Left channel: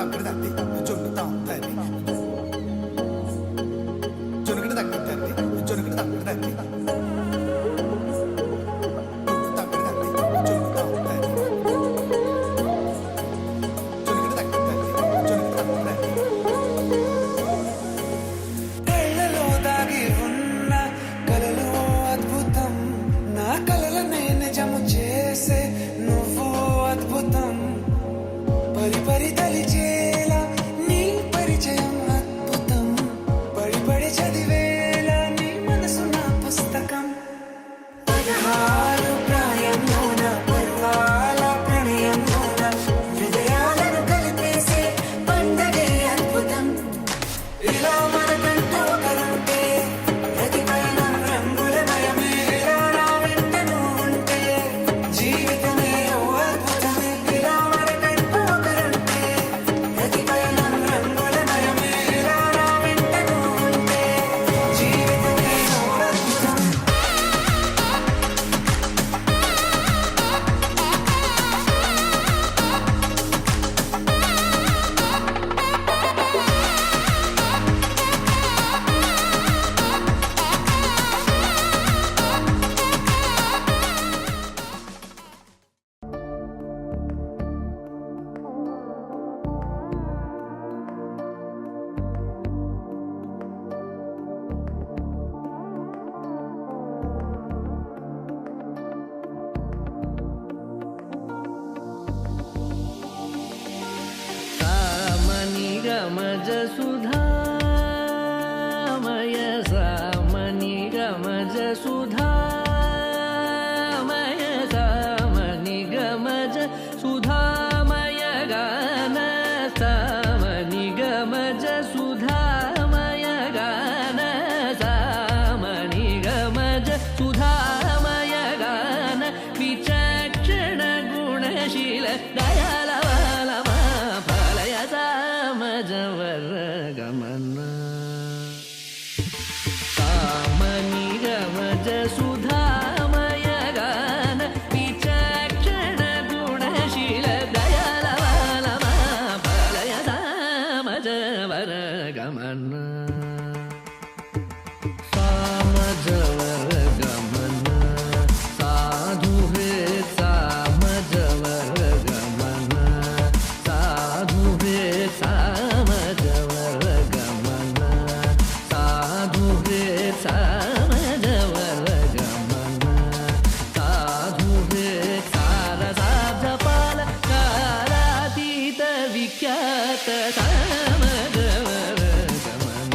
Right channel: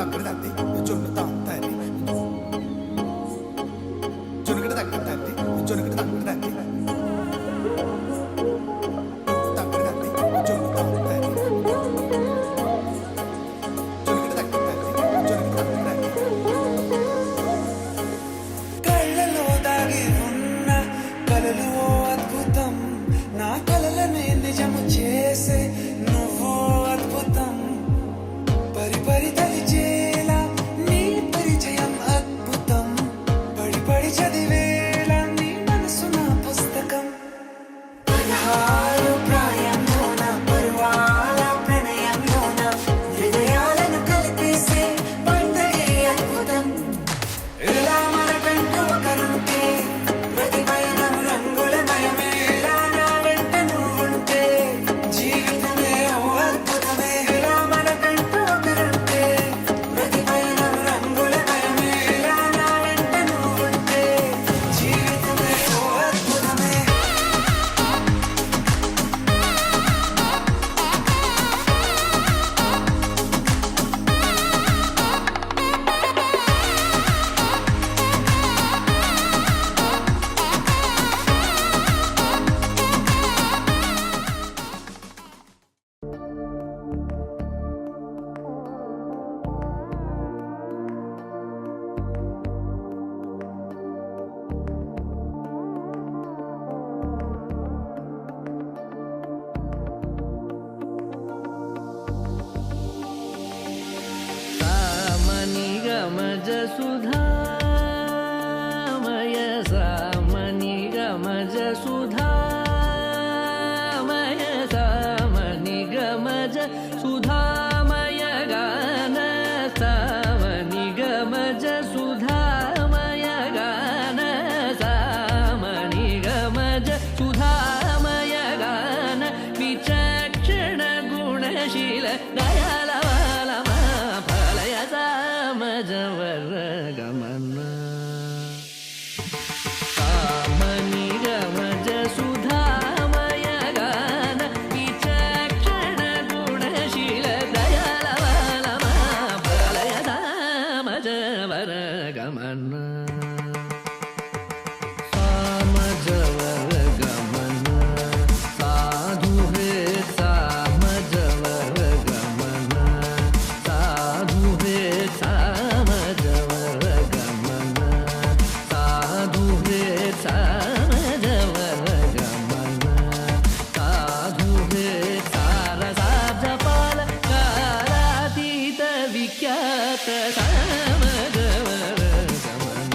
తగ్గడ తద్ది జొన్న తాం తల్లి జొన్నగడ తగ్గడ తల్లి జొన్నగడ తగ్గడ తల్లి తగ్గడ తల్లి జొన్న తాం తల్లి జొన్నగడ తగ్గడ తల్లి జొన్నగడ తగ్గడ తల్లి కళ్ళలో దాగి ఉన్న కలలో అద్భుతం నా కలలనే నిజము చేసే నువ్వు అద్భుతం పరి పరి తలిచేలా నీ పరిచయం అద్భుతం పడి పడి చదివేలా నీ మనసు నా పుస్తకం పదహారు ప్రాయంలోన పర్వాల ప్రణయంలోన హృదయాలను కలిపేసే పండగే అద్భుతం ఇలా మనకంటూ ఒకరుంటే ప్రతి పయనం రంగులమయమే నా వెంట నువ్వుంటే జీవితమే ఓ అద్భుతమే ఇలా మనకంటూ ఒకరుంటే ప్రతి పయనం రంగులమయమే నా వెంట నువ్వుంటే జీవితమే ఓ అద్భుతమే सामनि गमज सुधामय सामनि गमज सुधामय सामनि गमज सुधामय गान सामनि गमज सुधामय गान सामनि गमज सुधामय गान विचक्षण गुणशील दयालवालमा फलय सामजवर गमन सामनि गमज सुधामय गान विचक्षण गुणशील दयालवालमा फलय सामजवर गमन सामजवर गमन साधु हृत् सामजवर गमन साधु हृत् सामजवर गमन साधु हृत् सामजवर गमन साधु हृत् सारसाब्जपाल कालातीत विख्यात सामजवर गमन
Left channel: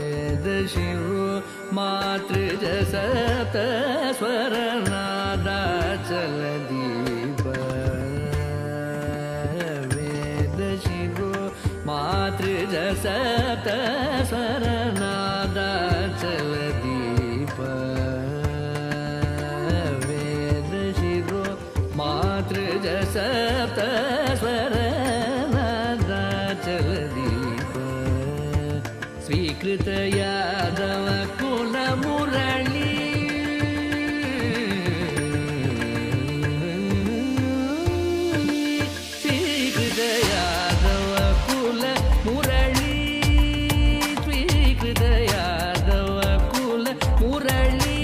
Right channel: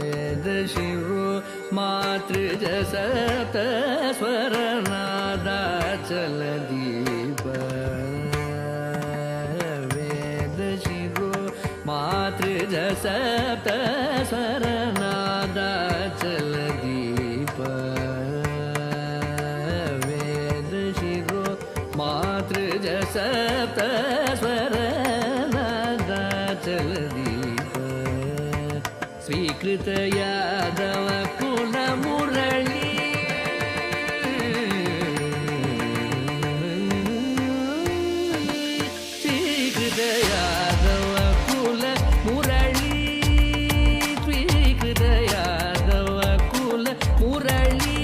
वेदशिरो मातृज सप्त स्वरनादाचल दीप वेदशिरो मातृज सप्त स्वरनादाचल दीप वेदशिरो मातृज सप्त स्वरनादाचल दीप स्वीकृत यादव कुल मुरली स्वीकृत यादव कुल मुरली स्वीकृत यादव कुल मुरली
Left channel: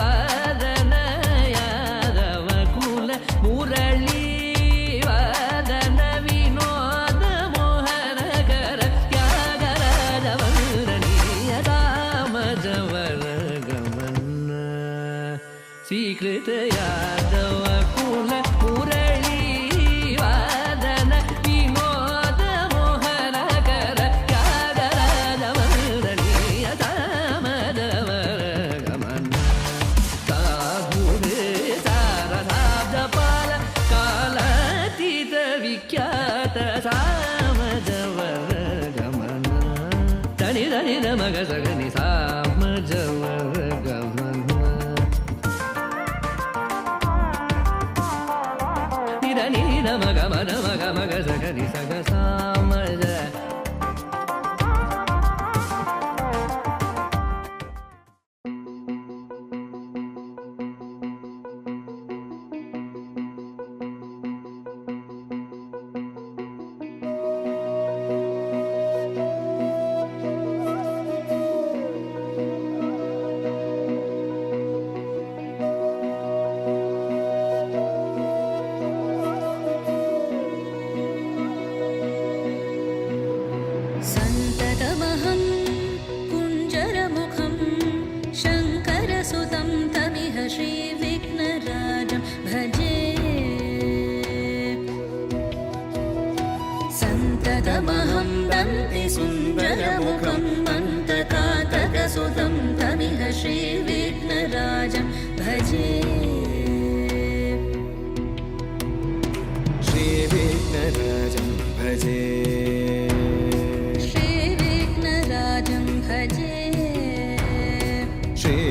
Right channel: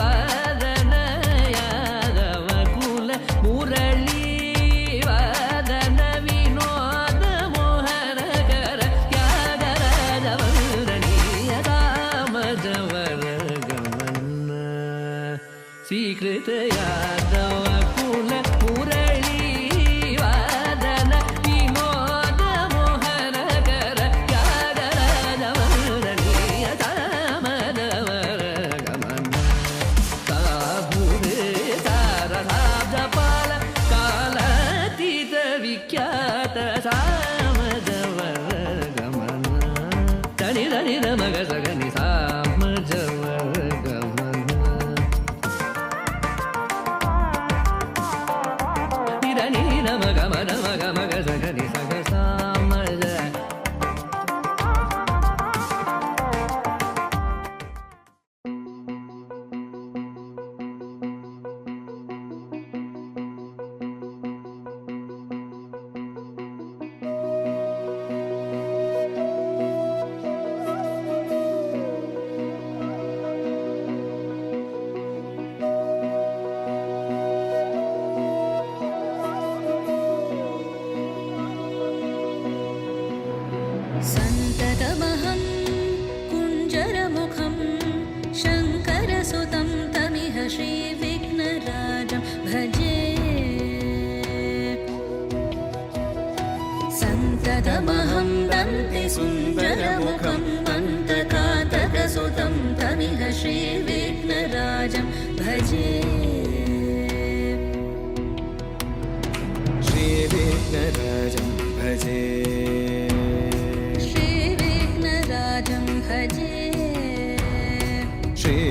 वादन यादव कुल मुरली वादन विनोद मोहन कर त्यागराज वंदनीय सामजवर गमन स्वीकृत यादव कुल मुरली वादन विनोद मोहन कर त्यागराज वंदनीय सामजवर गमन साधु सारसाब्जपाल कालातीत विख्यात सामजवर गमन तनि धनि न मग सगनि सामजवर गमन निधनि न మగ మద మగ మగ సగని సగ సామజ सन्ततमहं कुञ्जरमुखं शङ्करसुतं तमिह श्रीविघ्नराजं भजे सन्ततमहं दन्ति सुन्दरमुखं मन्तकातकसुतं तमिह श्रीविघ्नराजं भजे श्रीविघ्नराजं भजे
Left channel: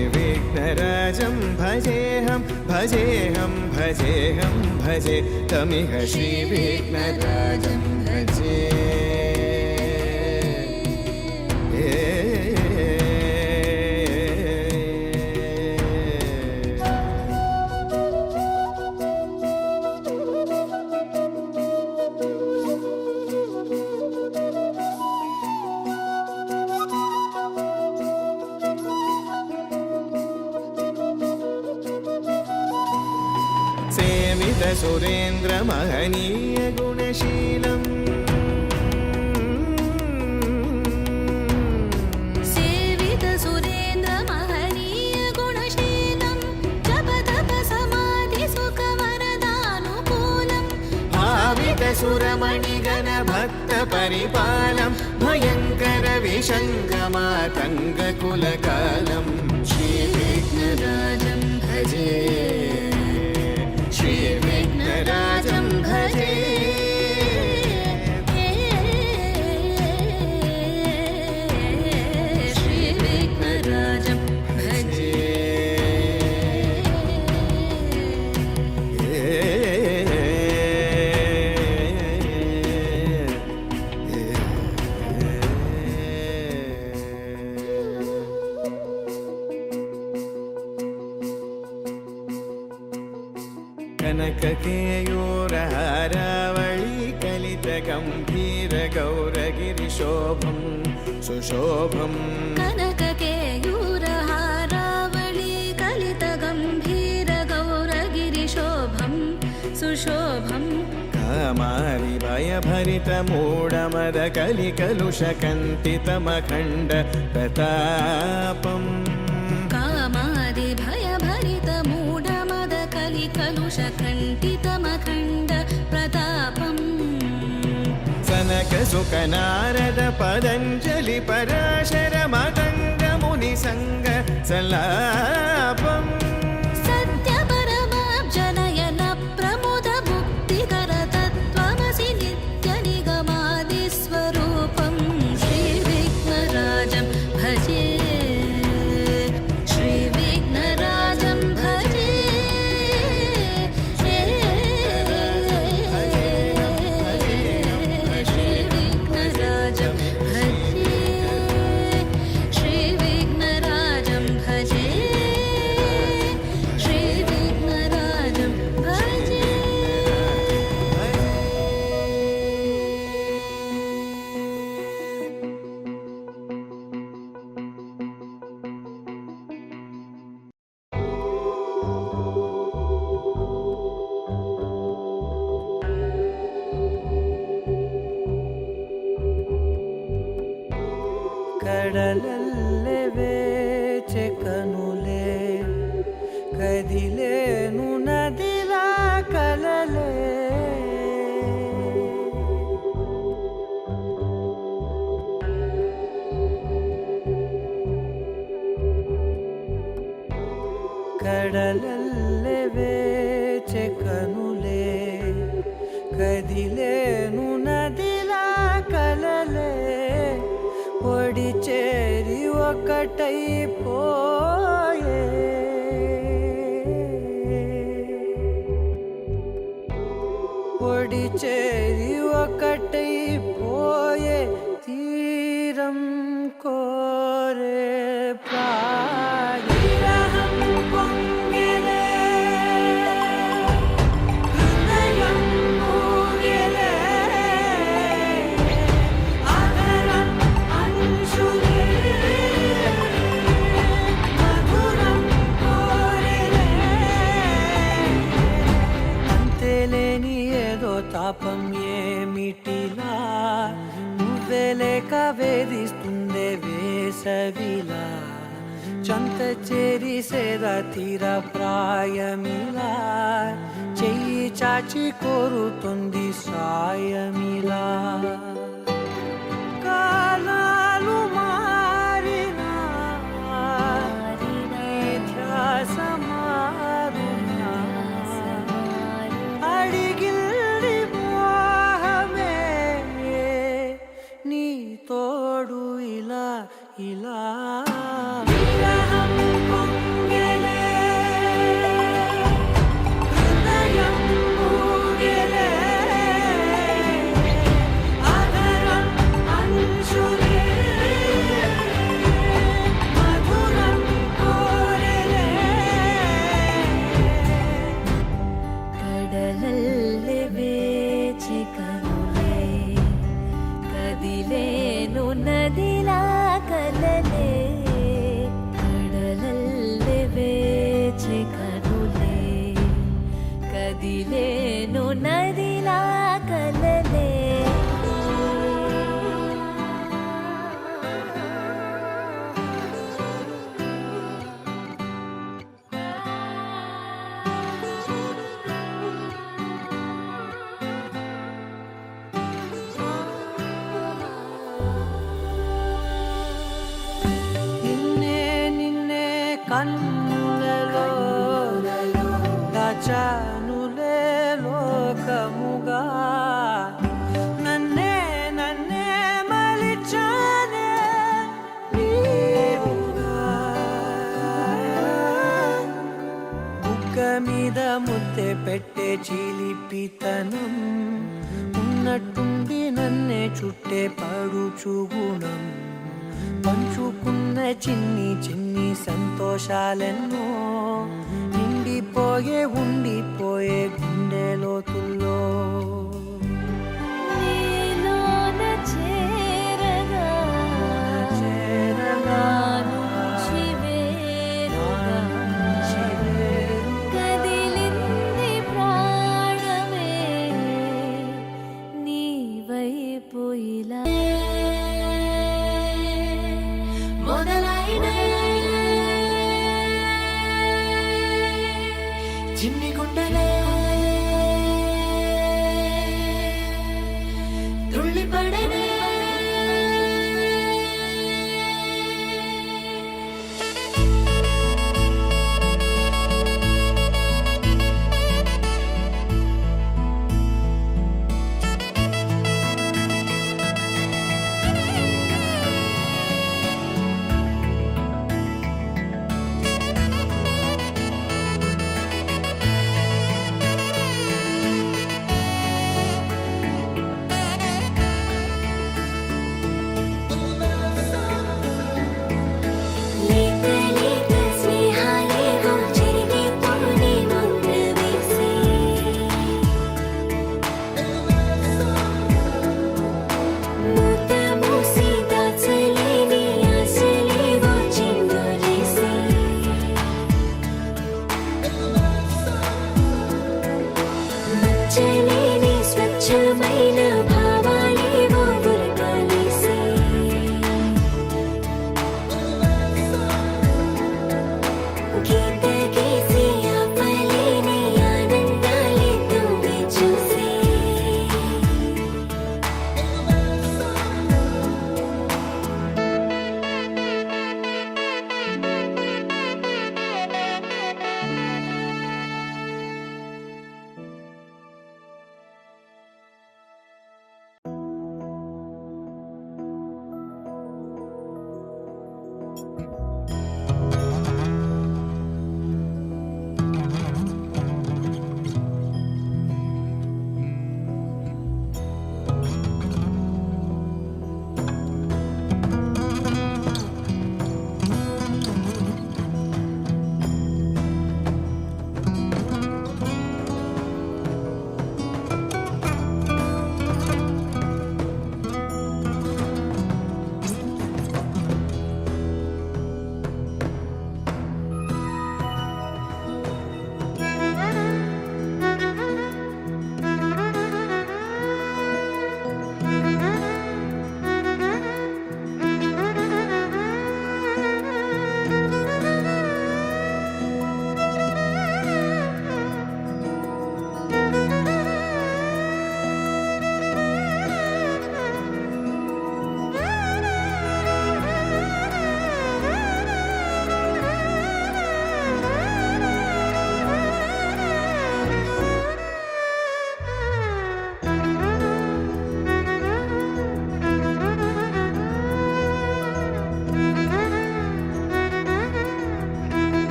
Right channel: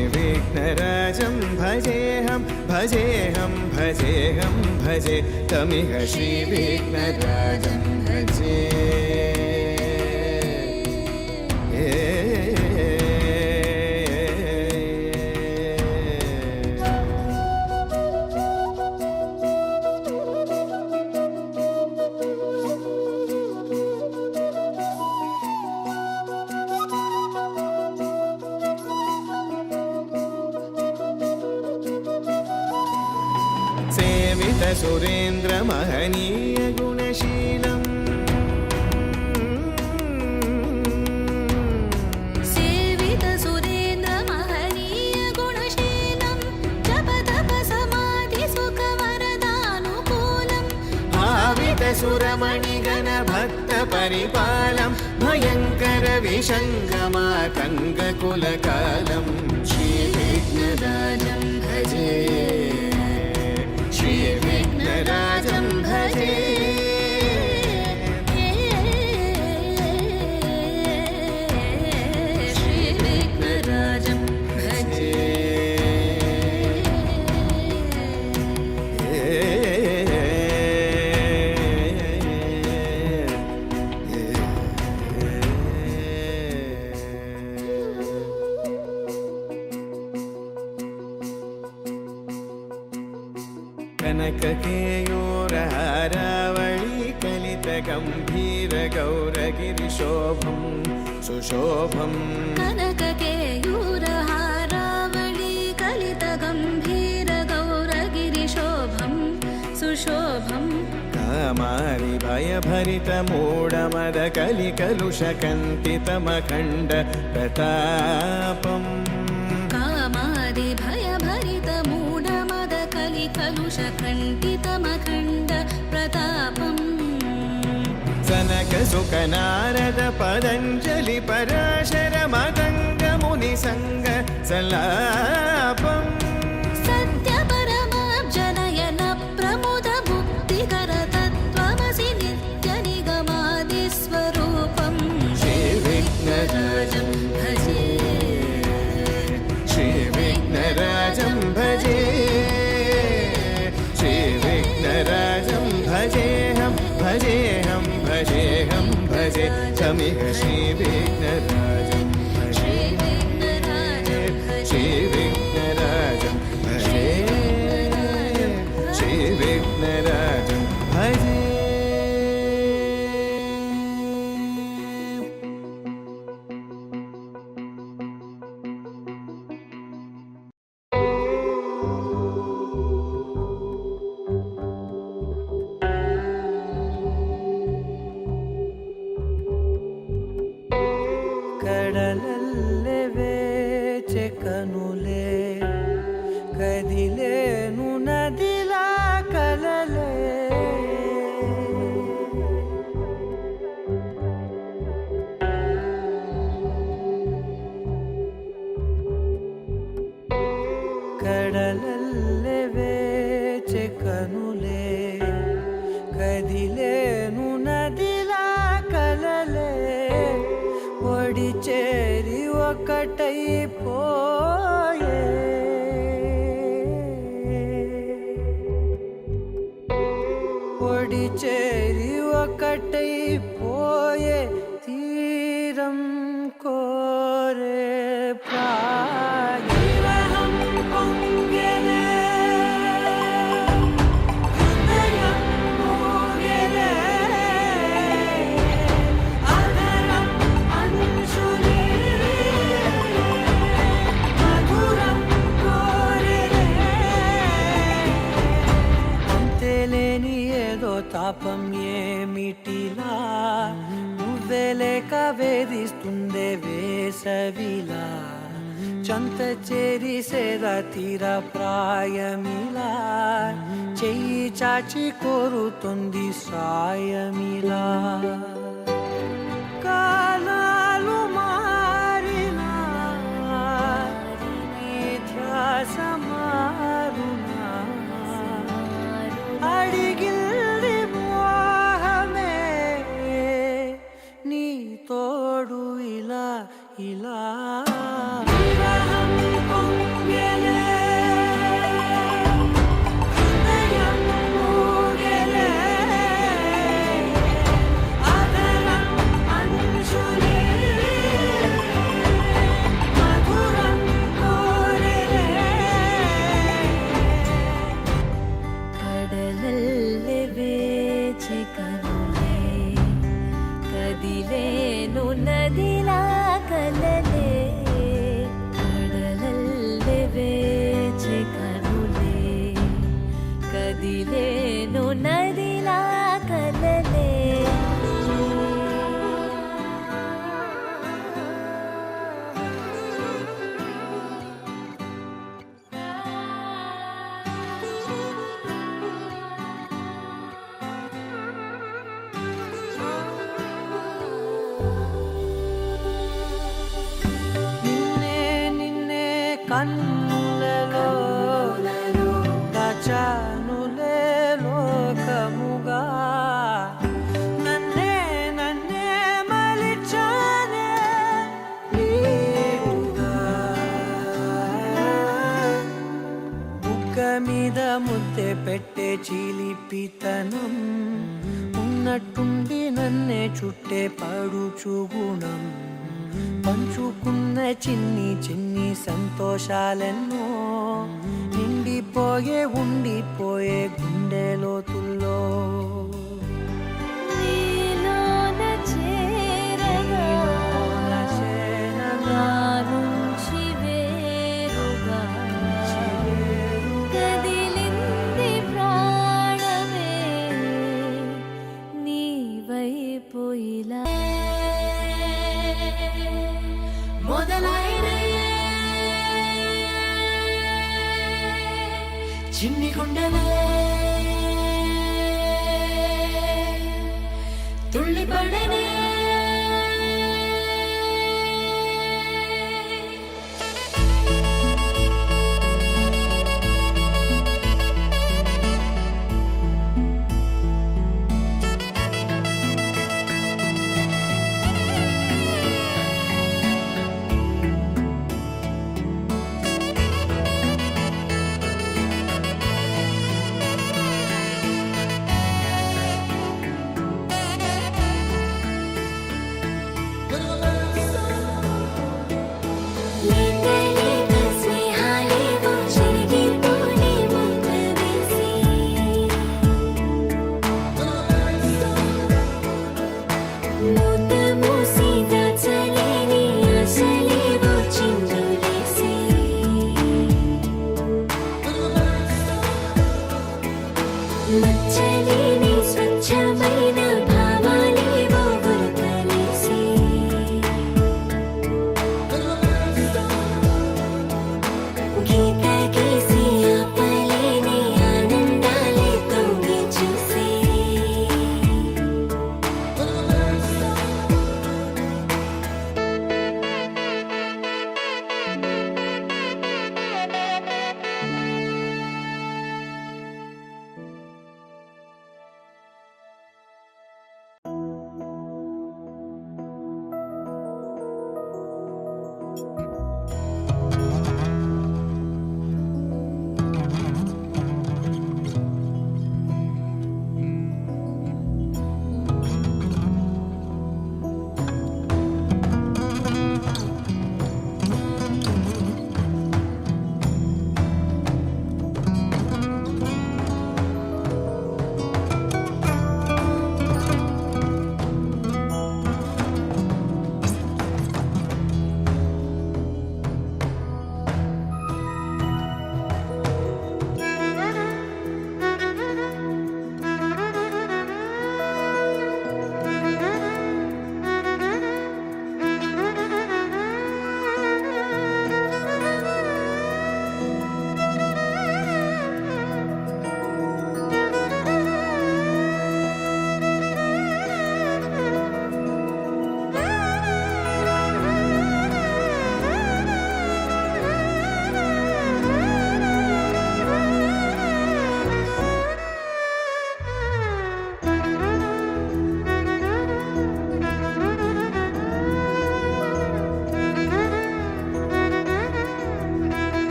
श्रीविघ्नराजं भजेऽहं भजेऽहं भजेऽहं भजे तमिह श्रीविघ्नराजं भजे सेवित सुरेन्द्र महनीय गुणशीलम् सेवित सुरेन्द्र महनीय गुणशीलं जप तप समाधि सुख वरदानुकूलम् भावित सुरमणिगण भक्त परिपालं भयङ्कर विशङ्गमातङ्ग कुलकालं श्रीविघ्नराजं भजे श्रीविघ्नराजं भजे श्रीविघ्नराजं भजे कनककेयूरहारावळी कलितगम्भीर गौरगिरिशोभं सुशोभं कनककेयूरहारावळी कलितगम्भीर गौरगिरिशोभं सुशोभं कामारि भयभरितमूढमद कलिकलुषकन्तितमखण्ड प्रतापम् कामादि भयभरितमूढमद कलिकलुषकण्टितमखण्ड प्रतापम् सनक सुख नारद पतञ्जलि पराशर मतङ्ग मुनिसङ्ग सल्लापम् सत्यपरमाब्जनयन प्रमुद मुक्तिकर तत्त्वमसि नित्यनिगमादिस्वरूपं श्रीविघ्नराजं भजे श्रीविघ्नराजं भजे श्रीविघ्नराजं भजेऽहं भजेऽहं भजेऽहं भजे तमिह श्रीविघ्नराजं श्रीविघ्नराजं भजे श्रीविघ्नराजं श्रीविघ्नराजं भजे ಕಡಲಲ್ಲೇ ವೇಚೆ ಕನುಲೆ ಕದಿಲೇನು ನದಿಲ ಕಲಲೆ ಕಡಲಲ್ಲೇ ವೇಚೆ ಕನುಲೆ కదిలేను నదిలా కలలే ఒడి చేరి ఒకటైపోయే ఒడి చేరి ఒకటైపోయే తీరం కోరే ప్రాయం పొంగెలే హృదయం మూగెలే ఆదరం అంశులే మధురం కోరెలే అంతేలేని ఏదో తాపం ఏమిటిలా నువ్వే లేక వేధిస్తుందే వేసవిలా చంత చేరి సేద తీర ప్రాయమిలా చెయ్యి చాచి కోరుతుంది సాయమిలా కాలాలు మారినా నీ ధ్యాస మారునా అడిగిల్ది మోహమే నీ తోడు ఇలా ఇలా విరహం పొంగెలే హృదయం మూగెలే ఆదరం అంశులే మధురం కోరెలే ಕಡಲಲ್ಲಿ ಬೇಚೆ ಕನುಲೆ ಕದಿಲೇನು ನದಿಲ ಕಲಲೆ ಕಡಲಲ್ಲಿ ಬೇಚೆ ಕನುಲೆ ಕದಿಲೇನು ನದಿಲ ಕಲಲೆ నిన్నే నిన్నే కన్నులలో దాచానులే లోకముగా నన్నే నన్నే మలిచానే నీవుగా బుగ్గ మీద ముద్దె పెట్టే చిలిపితనం ఉన్నట్టుండి నన్నే చుట్టే పడుచు గుణం పంచుకున్న చిన్ని చిన్ని సంతోషాలెన్నో నిండిపోయే ఉండిపోయే గుండె లోతుల్లో నీలోన చేరగా చేరగా నుంచి వేరుగా కదిలింది ప్రాణమే నీ వైపు ఇలా మొదలైన చిన్ని గుండెలే తుళ్ళిపడనే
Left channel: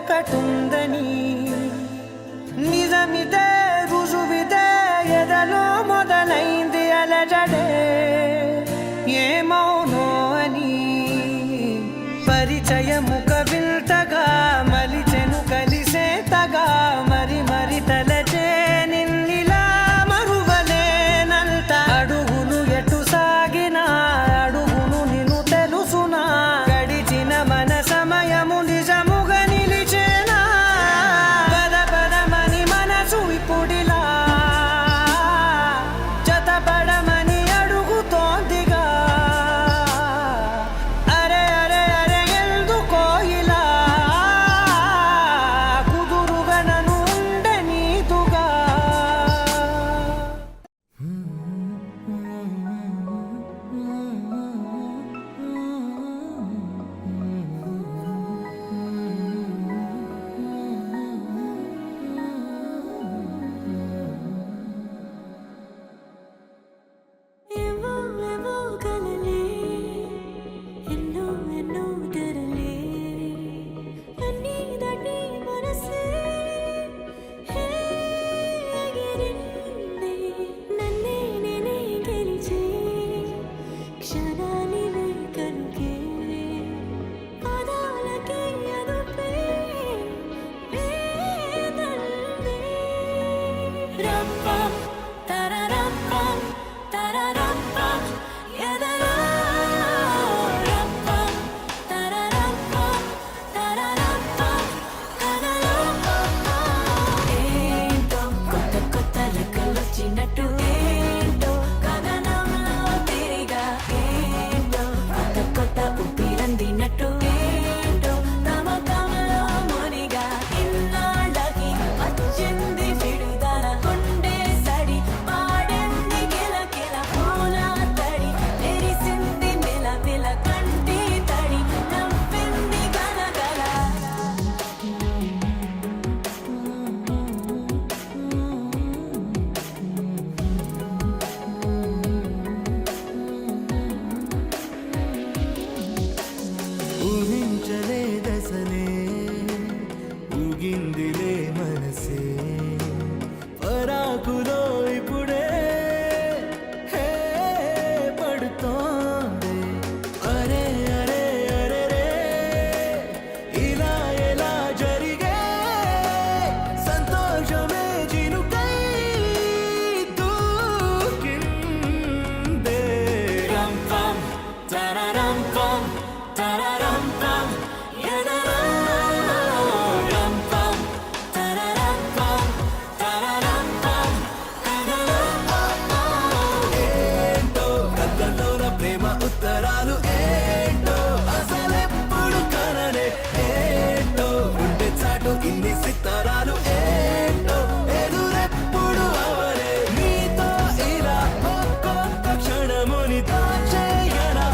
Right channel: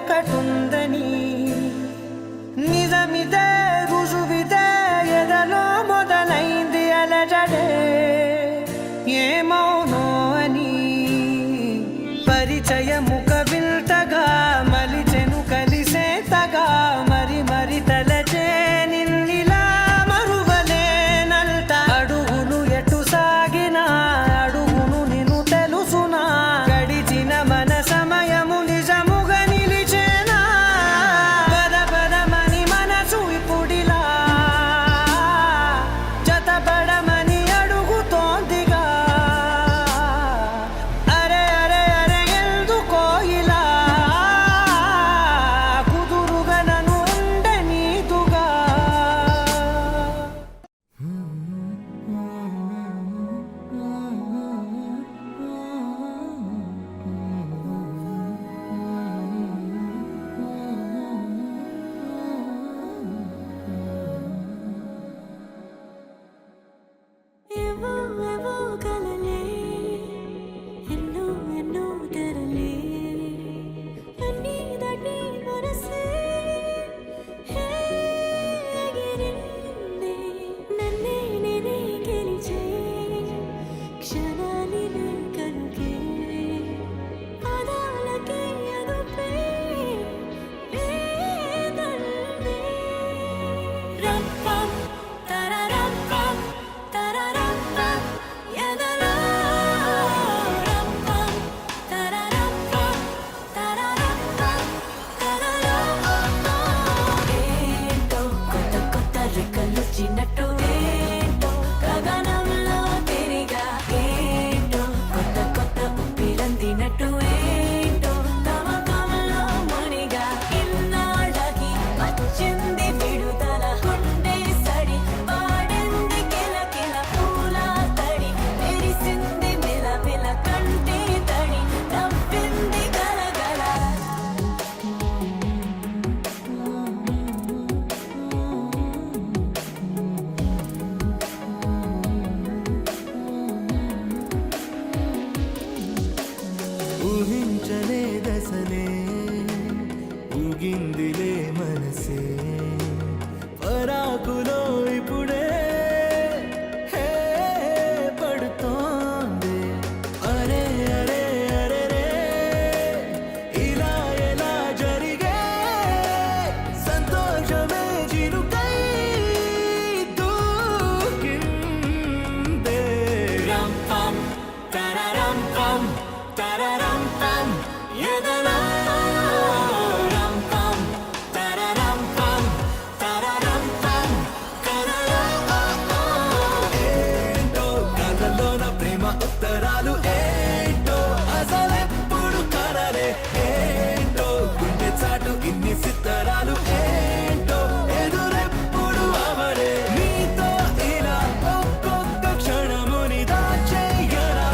ఒకటుందని నిజమిదే రుజువిదే ఎదలో మొదలైంది అలజడే ఏమౌనో అని పరిచయముక వింతగా మలిచెను కలిసేతగా మరి మరి తలచే నిన్నిలా మరువలేనంత అడుగులు ఎటు సాగినా అడుగును నిన్ను తెలుసునా గడిచిన మన సమయము నిజముగా నిలిచేనా పద పదమని మనసు ఇప్పుడిలా జతపడమని అడుగుతోందిగా అరే అరే అరే ఎందుకో ఇలా కుదురుగా నన్ను ఉండనీదుగా ఏవో ఏవో కలలే ఎన్నో ఎన్నో తెరలే అన్నీ దాటి మనసే హే ఎగిరిందే నన్నే నేనే గెలిచే క్షణాలివే కనుకే పాదాలకే అదుపే లేదందే రప్పం తరరప్పం తరరప్పం ఎదరా రప్పం తరరప్పం తరరప్పం తరరప్పం ఏంటో కొత్త కొత్త రెక్కలొచ్చినట్టు ఏంటో గగనంలో తిరిగా ఏంటో కొత్త కొత్త ఊపిరందినట్టు ఏంటో తమకంలో మునిగా ఇన్నాళ్ళకి వచ్చింది విడుదల కొండే సడి పాడంది కిలకిల పూల తడి మెరిసింది మెలమెల కంటి తడి నవ్వింది గలగల ఊహించలేదసలే ఊగిందిలే మనసే పరాకులో ఇప్పుడే హే పడుతోంది అరే అరే అరే రే ఇలా ఎలా జరిగే సంతోషమే చినుకై దూకిందే రంపం తరరంపం తరరంపం ఎదరా రంపం తరరంపం తరరంపం ఏంటో కథలోన ప్రేమ ఉత్తరాలు ఏంటో అసలెప్పుడు కనలే ఏంటో గుండె చాటు ఇన్ని సిత్తరాలు ఏంటో ఎదురెప్పుడు అవలే నీతో ఇలా ఒక్కొక్క క్షణముని దాచేయరా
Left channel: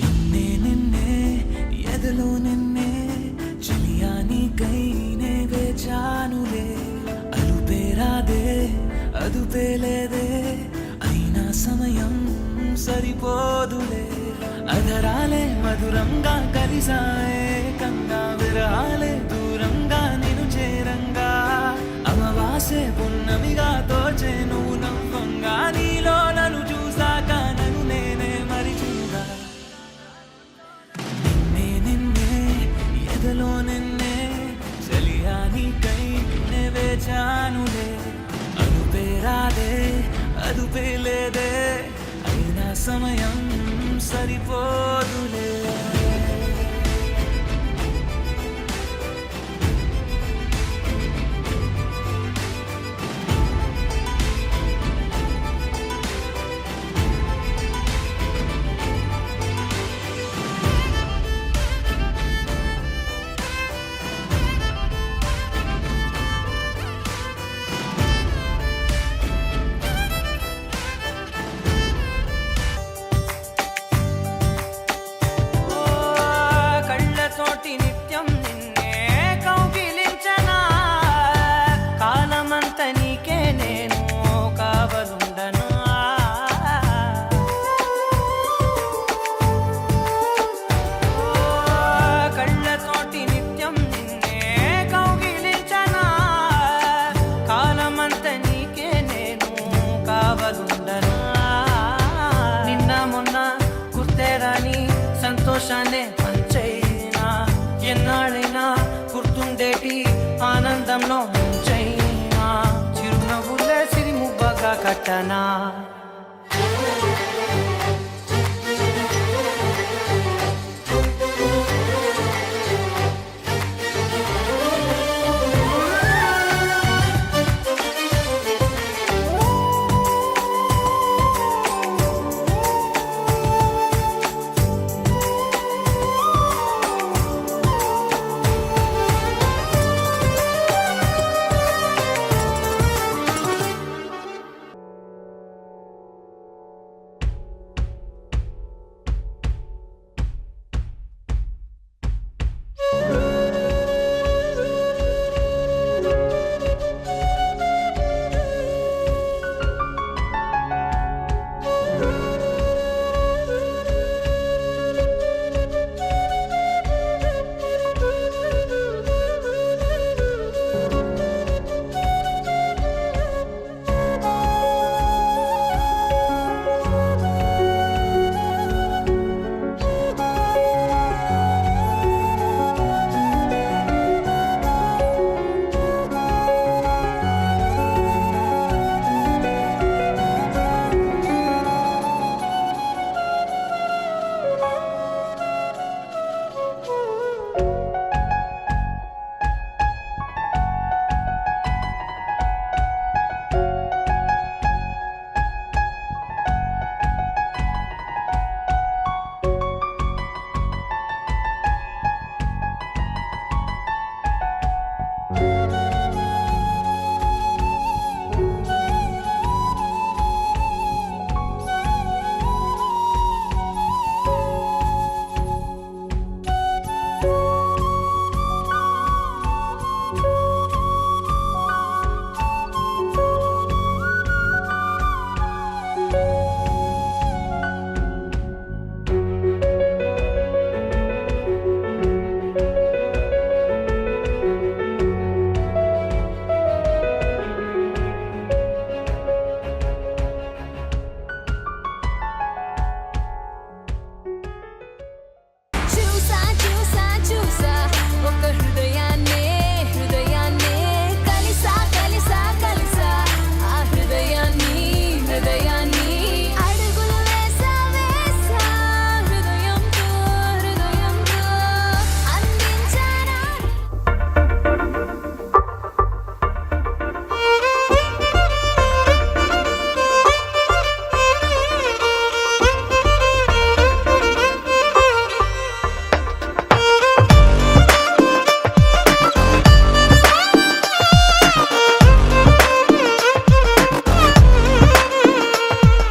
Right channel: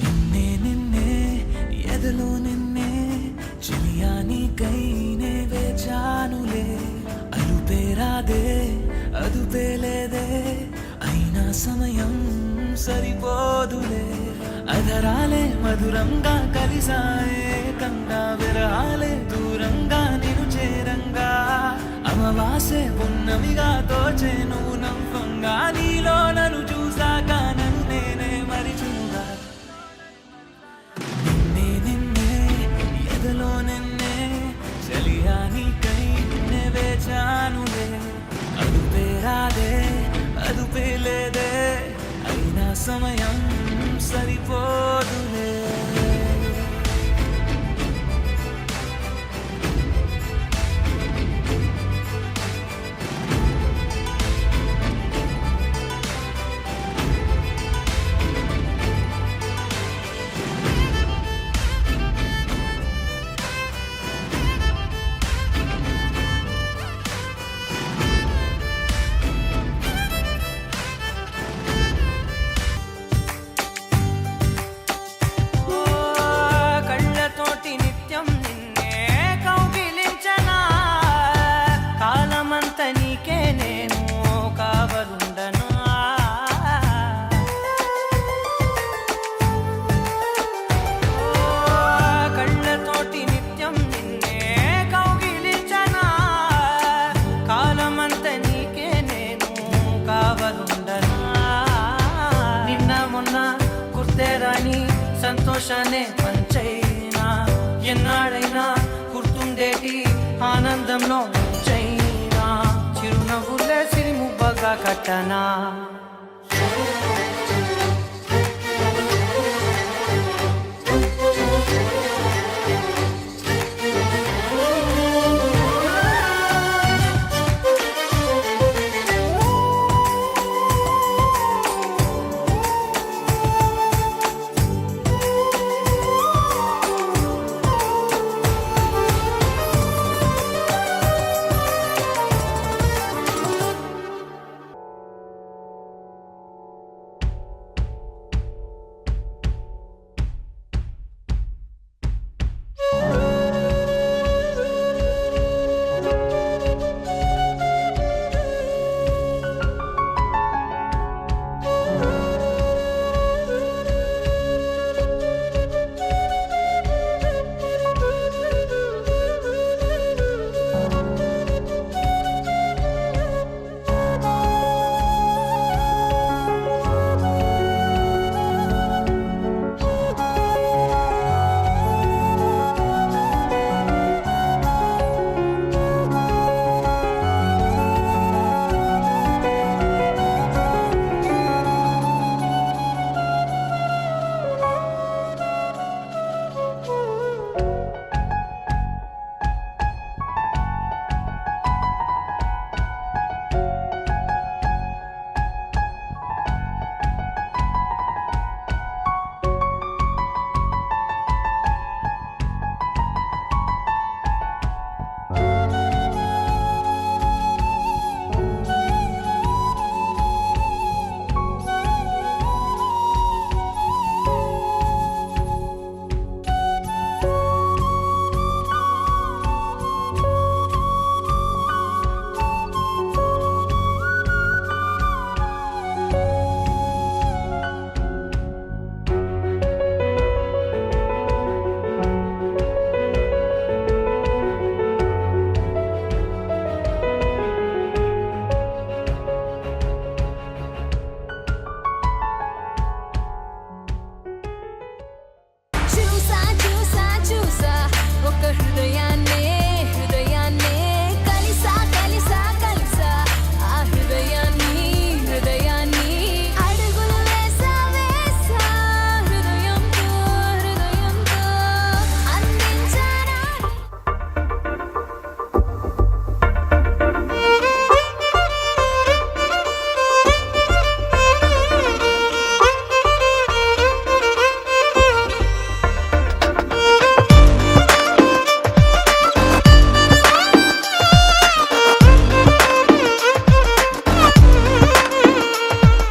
నిన్నే నిన్నే ఎదలో నిన్నే చిలియానికైనే వేచానులే అలుపేరాదే అదుపేలేదే అయినా సమయం సరిపోదులే అధరాలే మధురంగా కలిసాయే కంగా విరహాలే దూరంగా నిను చేరంగా అమవాసే పున్నమిగా తోచే నువ్వు నవ్వంగా నీలో నన్ను చూసాక నన్ను నేనే మరిచునుగా నిన్నే నిన్నే ఎదలో నిన్నే చలియానికై నే వేచానులే అదుపేరాదే అదుపేలేదే అయినా సమయం సరిపోదులే సంతోషాన్నే పంచైనా ఎన్నాళ్ళైనా గుర్తుండేటి ఆనందంలో ముంచైనా చిరునవ్వులే సిరిముబ్బగా కట్టనా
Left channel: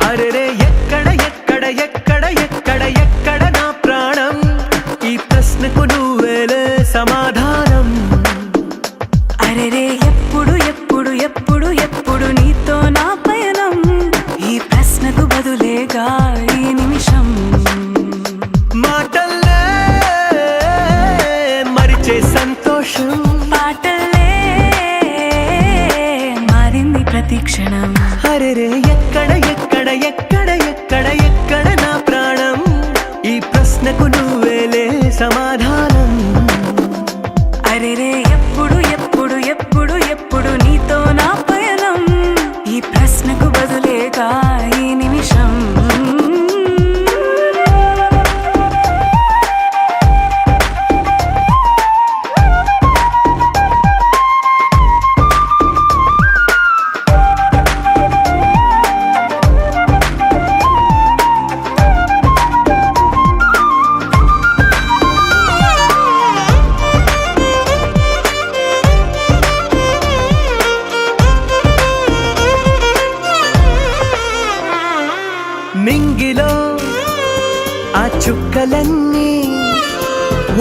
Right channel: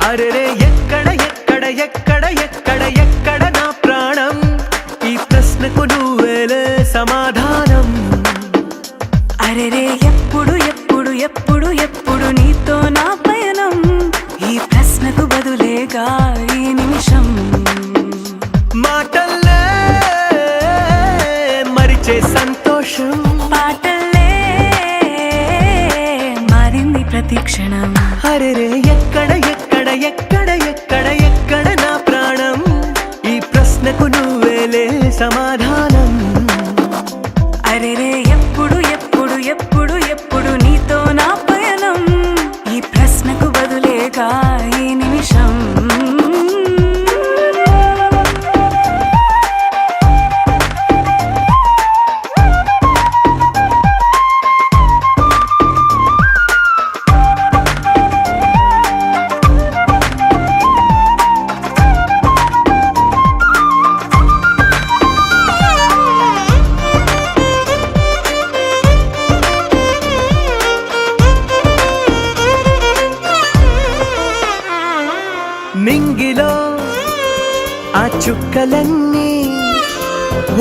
అరెరే ఎక్కడ ఎక్కడ ఎక్కడ ఎక్కడ ఎక్కడ నా ప్రాణం ఈ ప్రశ్నకు నువ్వేలే సమాధానం అరెరే ఎప్పుడు ఎప్పుడు ఎప్పుడు ఎప్పుడు నీతో నా పయనం ఈ ప్రశ్నకు బదులేగా ఈ నిమిషం మాటల్లే మరిచే సంతోషం పాటలే మారింది ప్రతి క్షణం అరెరే ఎక్కడ ఎక్కడ ఎక్కడ ఎక్కడ ఎక్కడ నా ప్రాణం ఈ ప్రశ్నకు నువ్వేలే సమాధానం అరెరే ఎప్పుడు ఎప్పుడు ఎప్పుడు ఎప్పుడు నీతో నా పయనం ఈ ప్రశ్నకు బదులేగా ఈ నిమిషం నింగిలో ఆ చుక్కలన్నీ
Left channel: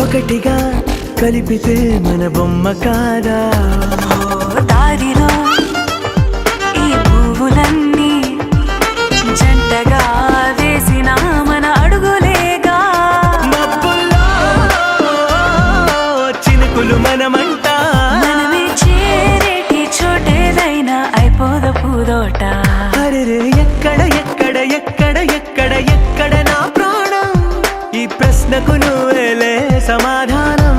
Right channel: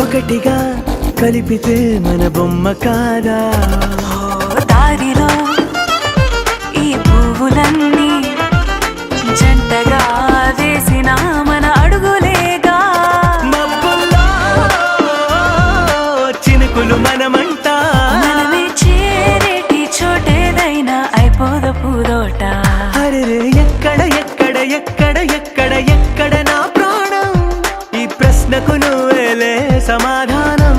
ఒకటిగా కలిపితే మన బొమ్మ కాదా దారిలో ఈ పువ్వులన్నీ జంటగా వేసిన మన అడుగులేగా మబ్బుల్లో చినుకులు మనమంట మనమే చేరేటి చోటేదైనా అయిపోదు పూదోట అరెరే ఎక్కడ ఎక్కడ ఎక్కడ ఎక్కడ ఎక్కడ నా ప్రాణం ఈ ప్రశ్న ప్రశ్నకు నువ్వేలే సమాధానం.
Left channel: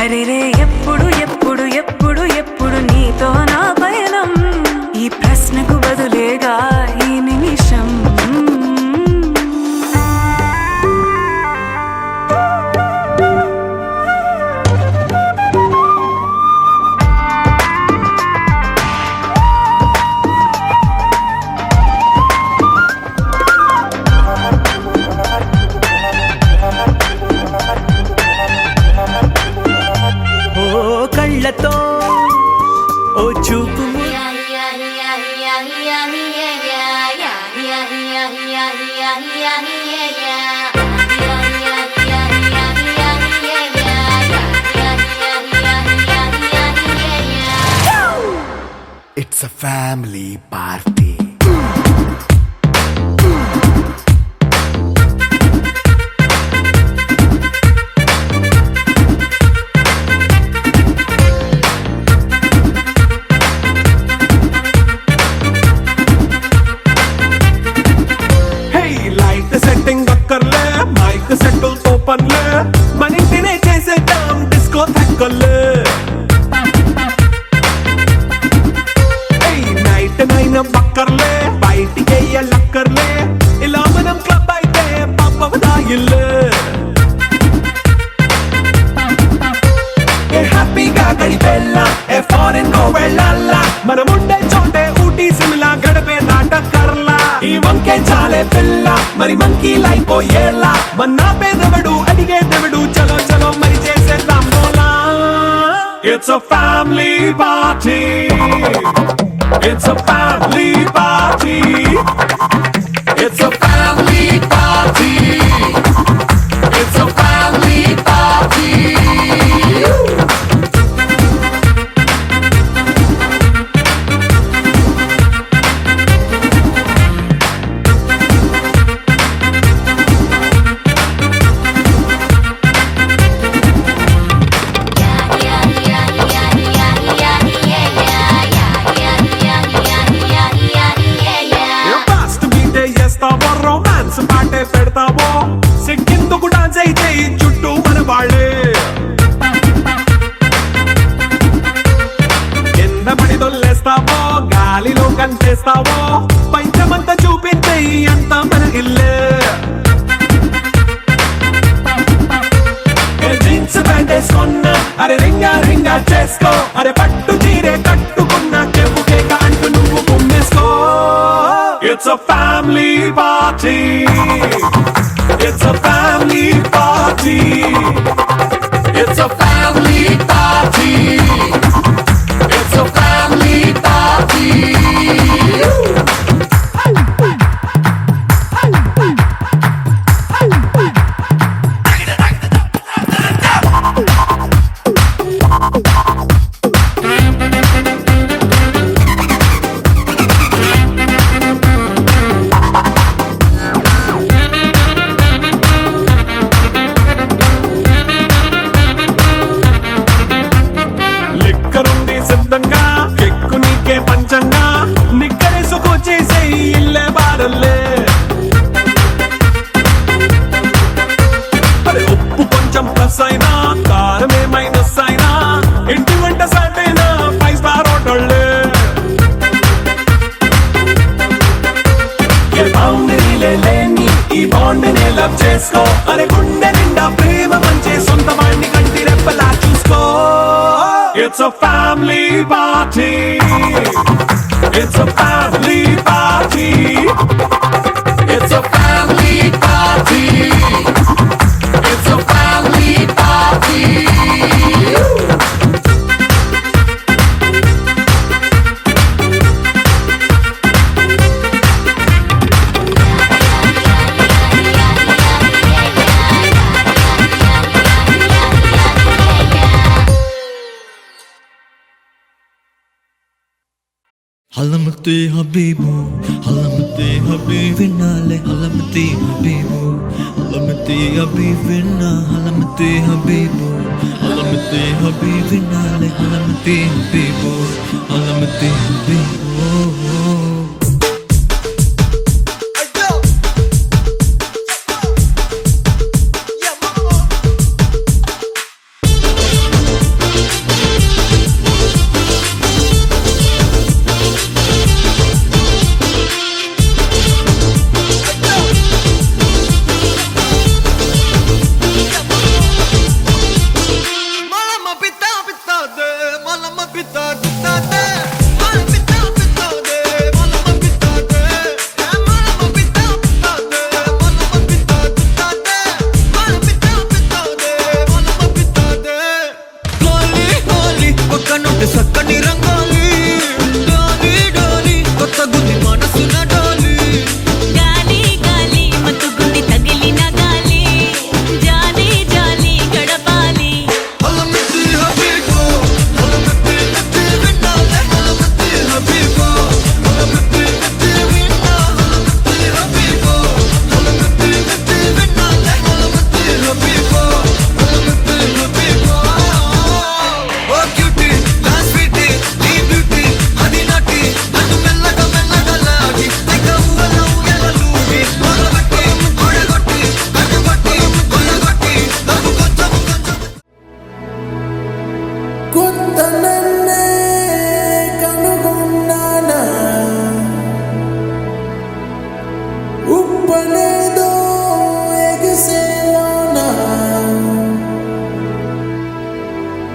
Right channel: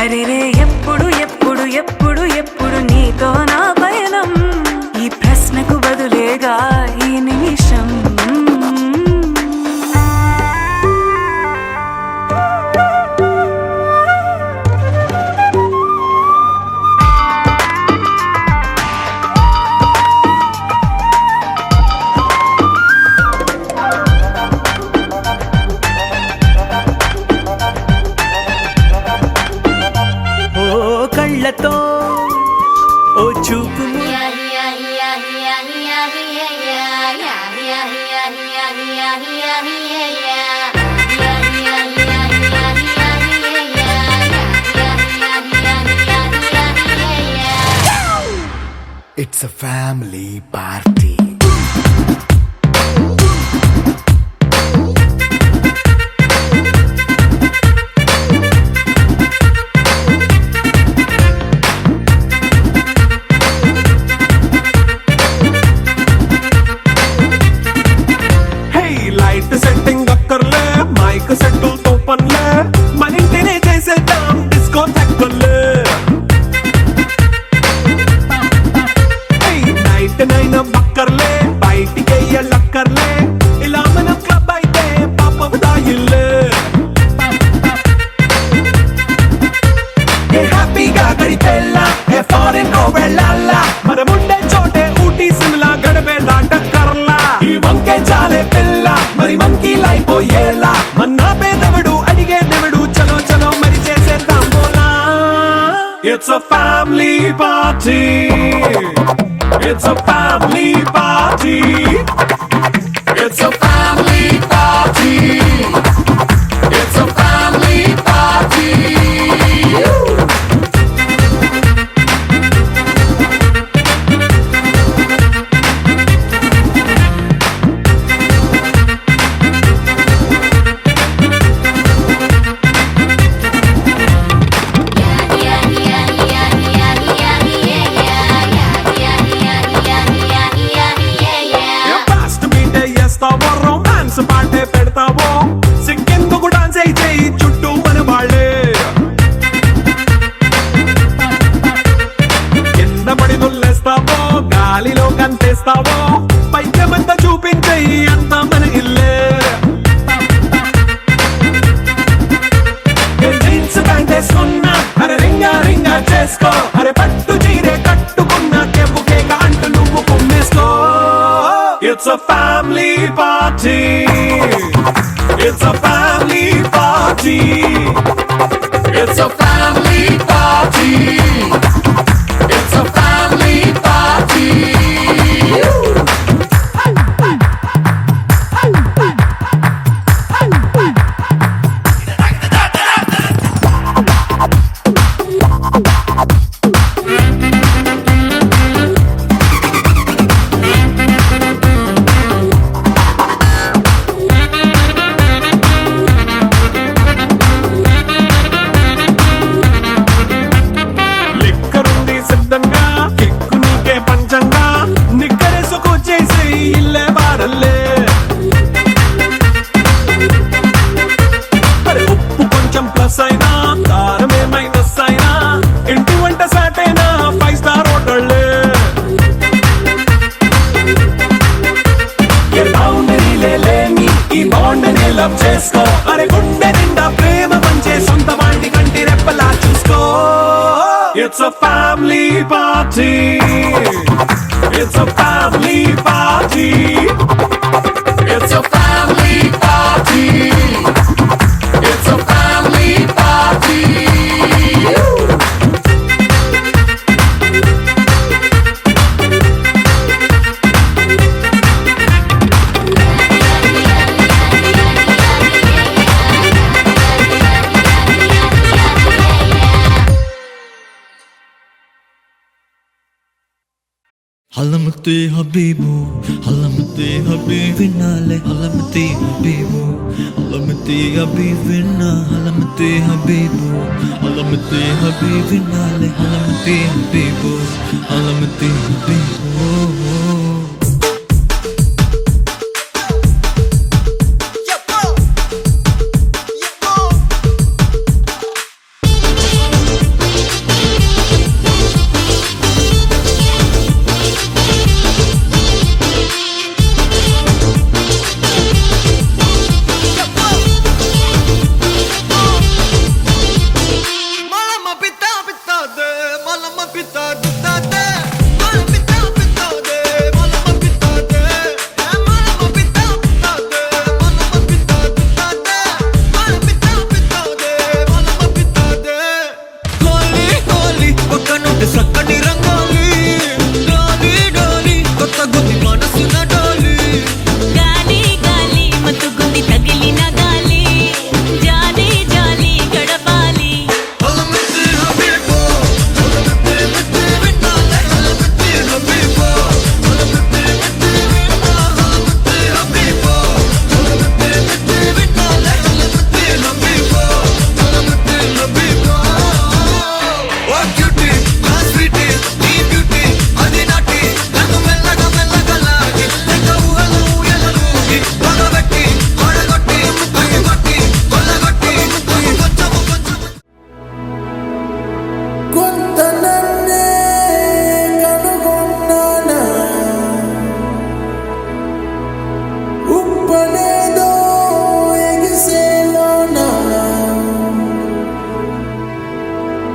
అరెరే ఎప్పుడు ఎప్పుడు ఎప్పుడు ఎప్పుడు నీతో నా పయనం, ఈ ప్రశ్నకు బదులేగా ఈ నిమిషం. కళ్ళతో ఓ చూపు It's a family party. Setting అక్కర్లే, మైక్ సెట్టులతో పనులే, మన ఇంటినే చేసేద్దాం డిస్కో థక్కర్లే. నైట్ నైన్ బక్కర్లే, బయటికి లక్కర్లే, ఇలా మనం క్లబ్ అయితే పాప దాయిల్లే. హ్యాపీగా గడిపెళ్ళా, ఏ ఫారెన్ కో వెళ్ళాలా, మనం ఉండే చోటే ఊటీ సిమ్లా గడిపే దాటక్కర్లా. ఈ వంకే చాలే పిల్ల, మరి మనకి లైఫ్ ఏళ్ళ, మన్నా పేదవడు అడిగేదెవడు, చలో చలో మరి చేసేద్దాం బోలా. It's a family party. It's a family party. It's a family party. It's a family party. Romance పాటే పెడతావో, సిక్కిందుకు డాన్స్ అయితే చుట్టూ మన వాళ్ళే. కింద పడి దొల్లేస్తావో, గాలిలో కంతేస్తావో, పైచమంతా చూపించే అంతా మన ఇల్లే. జీన్స్ ప్యాంటేసుకున్నా, అరే రింగా రింగా చేసుకో, అరే పట్టు చీరే కట్టుకున్న చెప్పు కేక అంటూ నువ్వు కుమ్మేసుకో. It's a family party. It's a family party. It's a family party. It's a family party. సిద్ధంగా కెక్కు నీకే పంచంగా, నిక్కరేసుకు చేసే ఇల్లే బారల్లే. మరి ఉప్పు కొంచెం ప్లస్ అయినా, కారమే మైనస్ అయినా, ఇంటి వంట సాటైనా 5 స్టార్ హోటళ్ళే. ఏ బౌండరీలే లేని ఈ బాండ్ని లవ్ చేసుకో, అరే గుండె నిండా ప్రేమ పంచే సొంత వాణ్ణి కంటి రెప్పలా చూసుకో. It's a family party. It's a family party. It's a family party. It's a family party. Halamati Habibu, Halamati Habibinale, Halamati Habibu, Halamati Habibina, Halamati Habibu, Halamati Habibinale, Halamati Habibu, Halamati Habibu.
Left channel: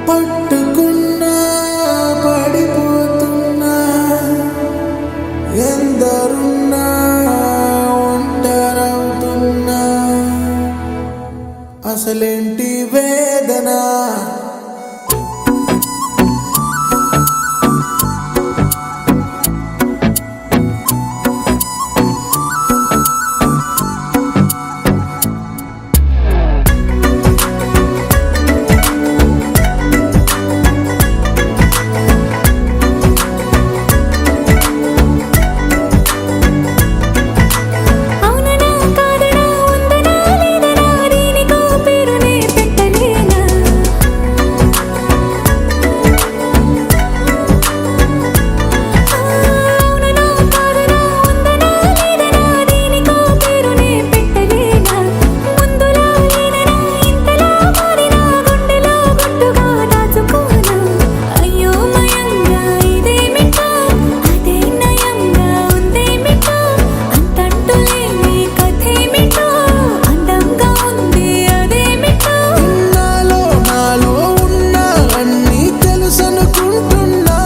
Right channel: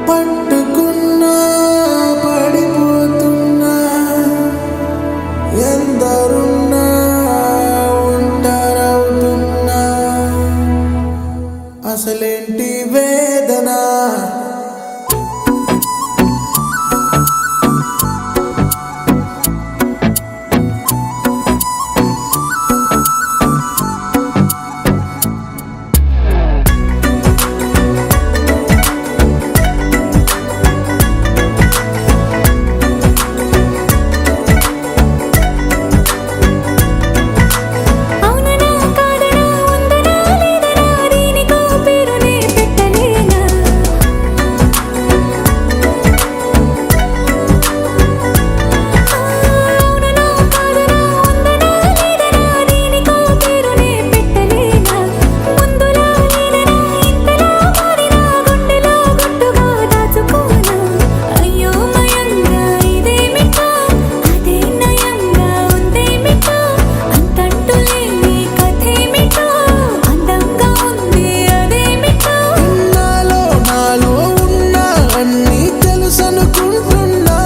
పట్టుకున్నా పడిపోతున్నా ఎందరున్నా ఒంటరవుతున్నా అసలేంటి వేదన అవుననా కాదనా ఉందనా లేదనా దీనికో పేరునే పెట్టలేనా అవుననా కాదనా ఉందనా లేదనా దీనికో పేరునే పెట్టలేనా ముందులా లేదనా ఇంతలా మారినా గుండెలో గుట్టుగా దాచుకోనా అయ్యో మయంగా ఇదేమిటో అదే నయంగా ఉందేమిటో అంతంటూ లేని కథేమిటో అందంగా ఉంది అదేమిటో నాలో ఉన్న అన్నీ తెలుసనుకుంటున్నా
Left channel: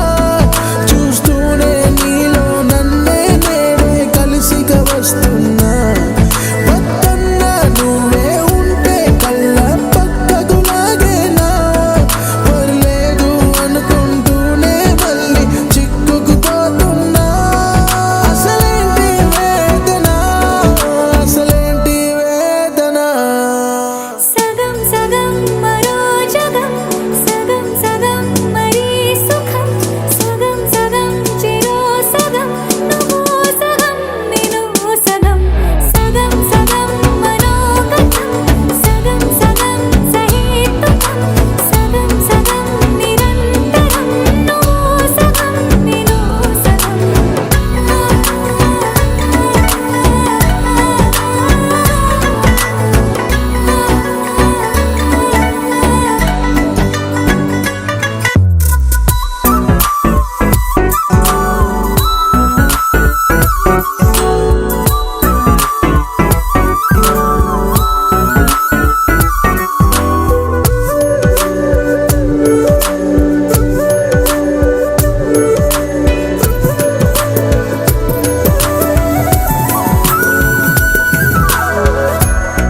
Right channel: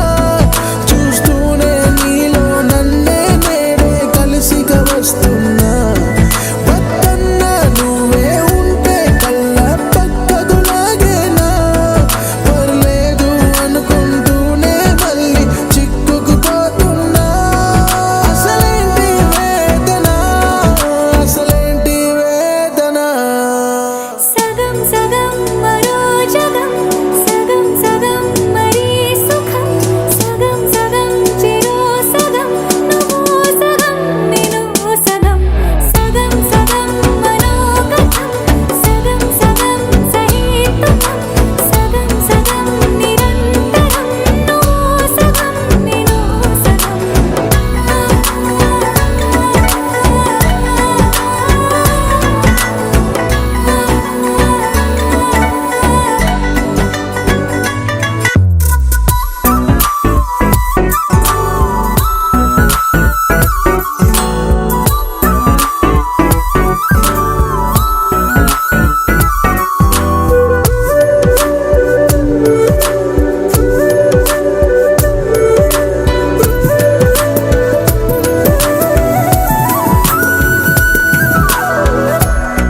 చూస్తూనే నీలో నన్నే నేడే కలిసిగా వస్తున్నా వద్దన్నా నువ్వే ఉంటే కళ్ళ పక్కకు లాగేనా పర్లేదు అనుకుంటూనే మళ్ళీ చిక్కుకుపోతున్నా అసలేంటి వేదన అసలేంటి వేదన సగం సగం మరో జగం సగం సగం మరీ సుఖం సగం సగం చెరో సగం నువ్వు సగం నేను సగం సగం సగం మనోగతం సగం సగం సహేతుకం సగం సగం నిరంతరం నువ్వు సగం నేను సగం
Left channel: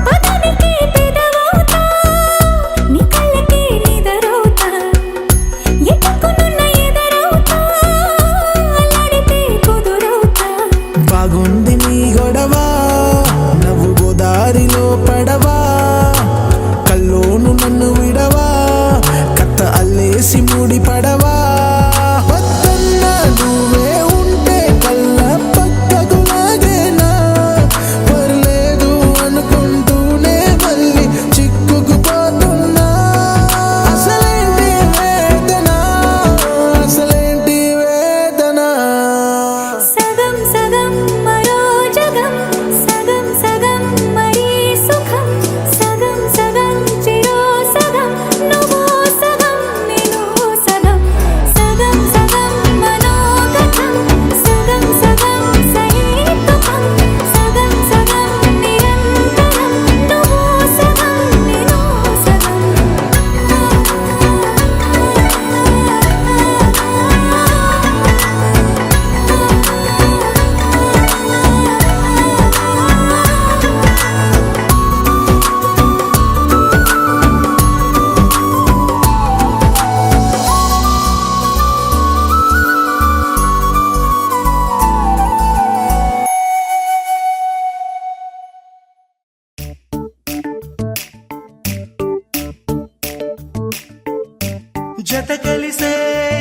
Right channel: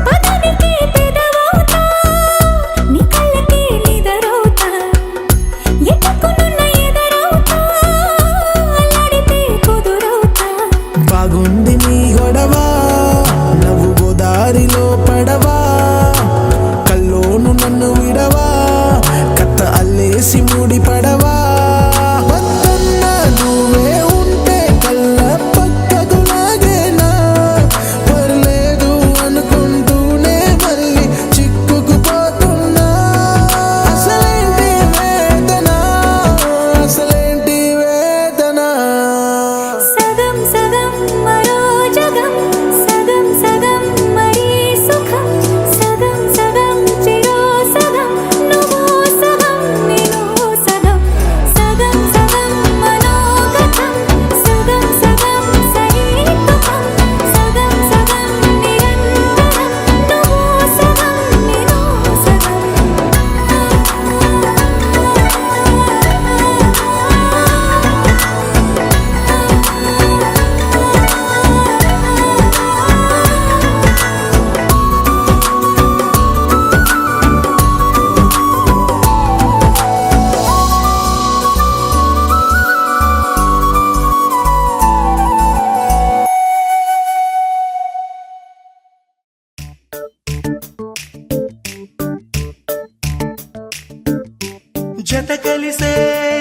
పదనికి పెదవవుతా నీ కళ్ళకి నిదరవుతా ఎటుకునున్న ఎదరవుతా అల్లాడితే కుదురవుతా బాగుంది నీ గొడవ నవ్వు గోదారిలో పడవా కల్లోను నన్ను విడవా కత్త అల్లేసి ముడి పడవా వద్దన్నా నువ్వే ఉంటే కళ్ళ పక్కకు లాగేనా పర్లేదు అనుకుంటూనే మళ్ళీ చిక్కుకుపోతున్నా అసలేంటి వేదన అసలేంటి వేదన సగం సగం మరో జగం సగం సగం మరీ సుఖం సగం సగం చెరో సగం నువ్వు సగం నేను సగం సగం సగం మనోగతం సగం సగం సహేతుకం సగం సగం నిరంతరం నువ్వు సగం నేను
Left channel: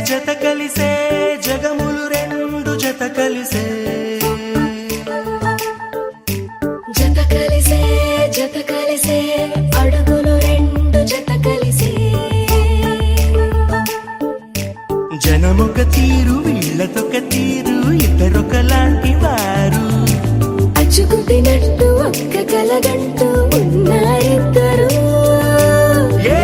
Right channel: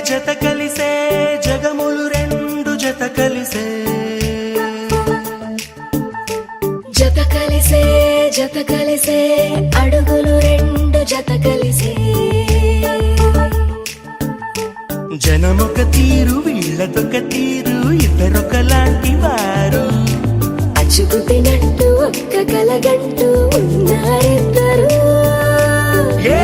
జత కలిసే జగములు రెండు జత కలిసే జత కలిసే అడుగులు రెండు జత కలిసే జనమొక తీరు వీళ్ళదొక తీరు ఇద్దరొకలాంటి వారు అచ్చుకుతినట్టు ఒక్క కలగంటూ ఉన్నారిద్దరు ఏ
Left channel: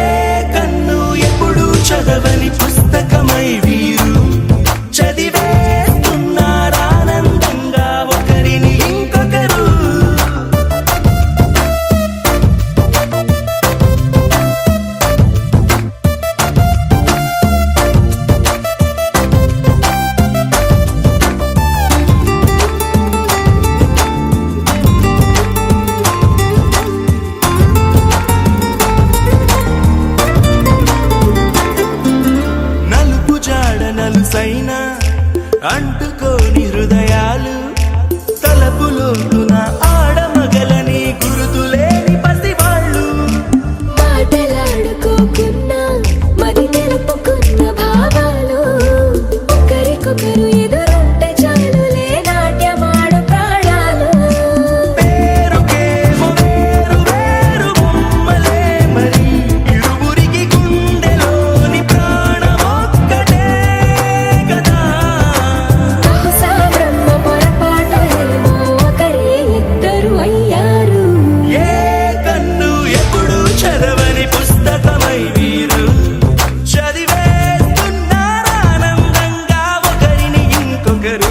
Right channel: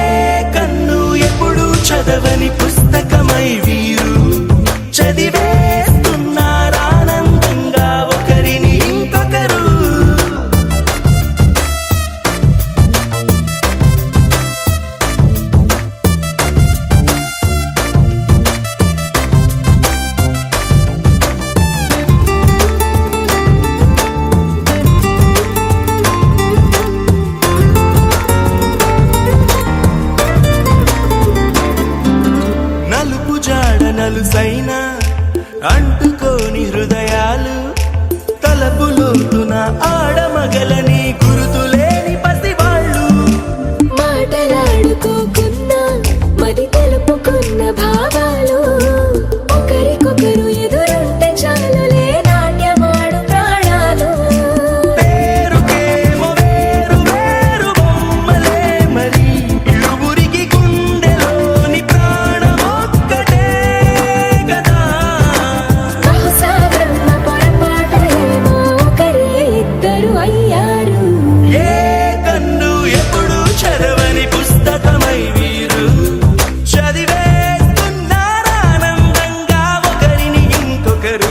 కన్ను ఎప్పుడు చదవని పుస్తకమై వీరు చదివేస్తున్నారానందంగా ఒకరిని ఇంకొకరు అంటుకోని హృదయాలు తలపులోతున ఆడమగలని గురుతులేని పసివాళ్ళు మాటలాడుకోకున్నా మరి తెలుపుకున్న భావాలు ఒకరికొకరు ఎదురుంటే చాలులే నాట్యమాడు ప్రాణాలు పేరుకేమో వేరు వేరు బొమ్మలే మరి ఇరువురికి గుండెలోని ప్రాణమొక్కటే కదా బహుశా బ్రహ్మ పొరపాటు ఏమో ఒకరే ఇద్దరు అయ్యారు ఏ కన్ను ఎప్పుడు చదవని పుస్తకమై వీరు చదివేస్తున్నారానందంగా ఒకరిని ఇంకొకరు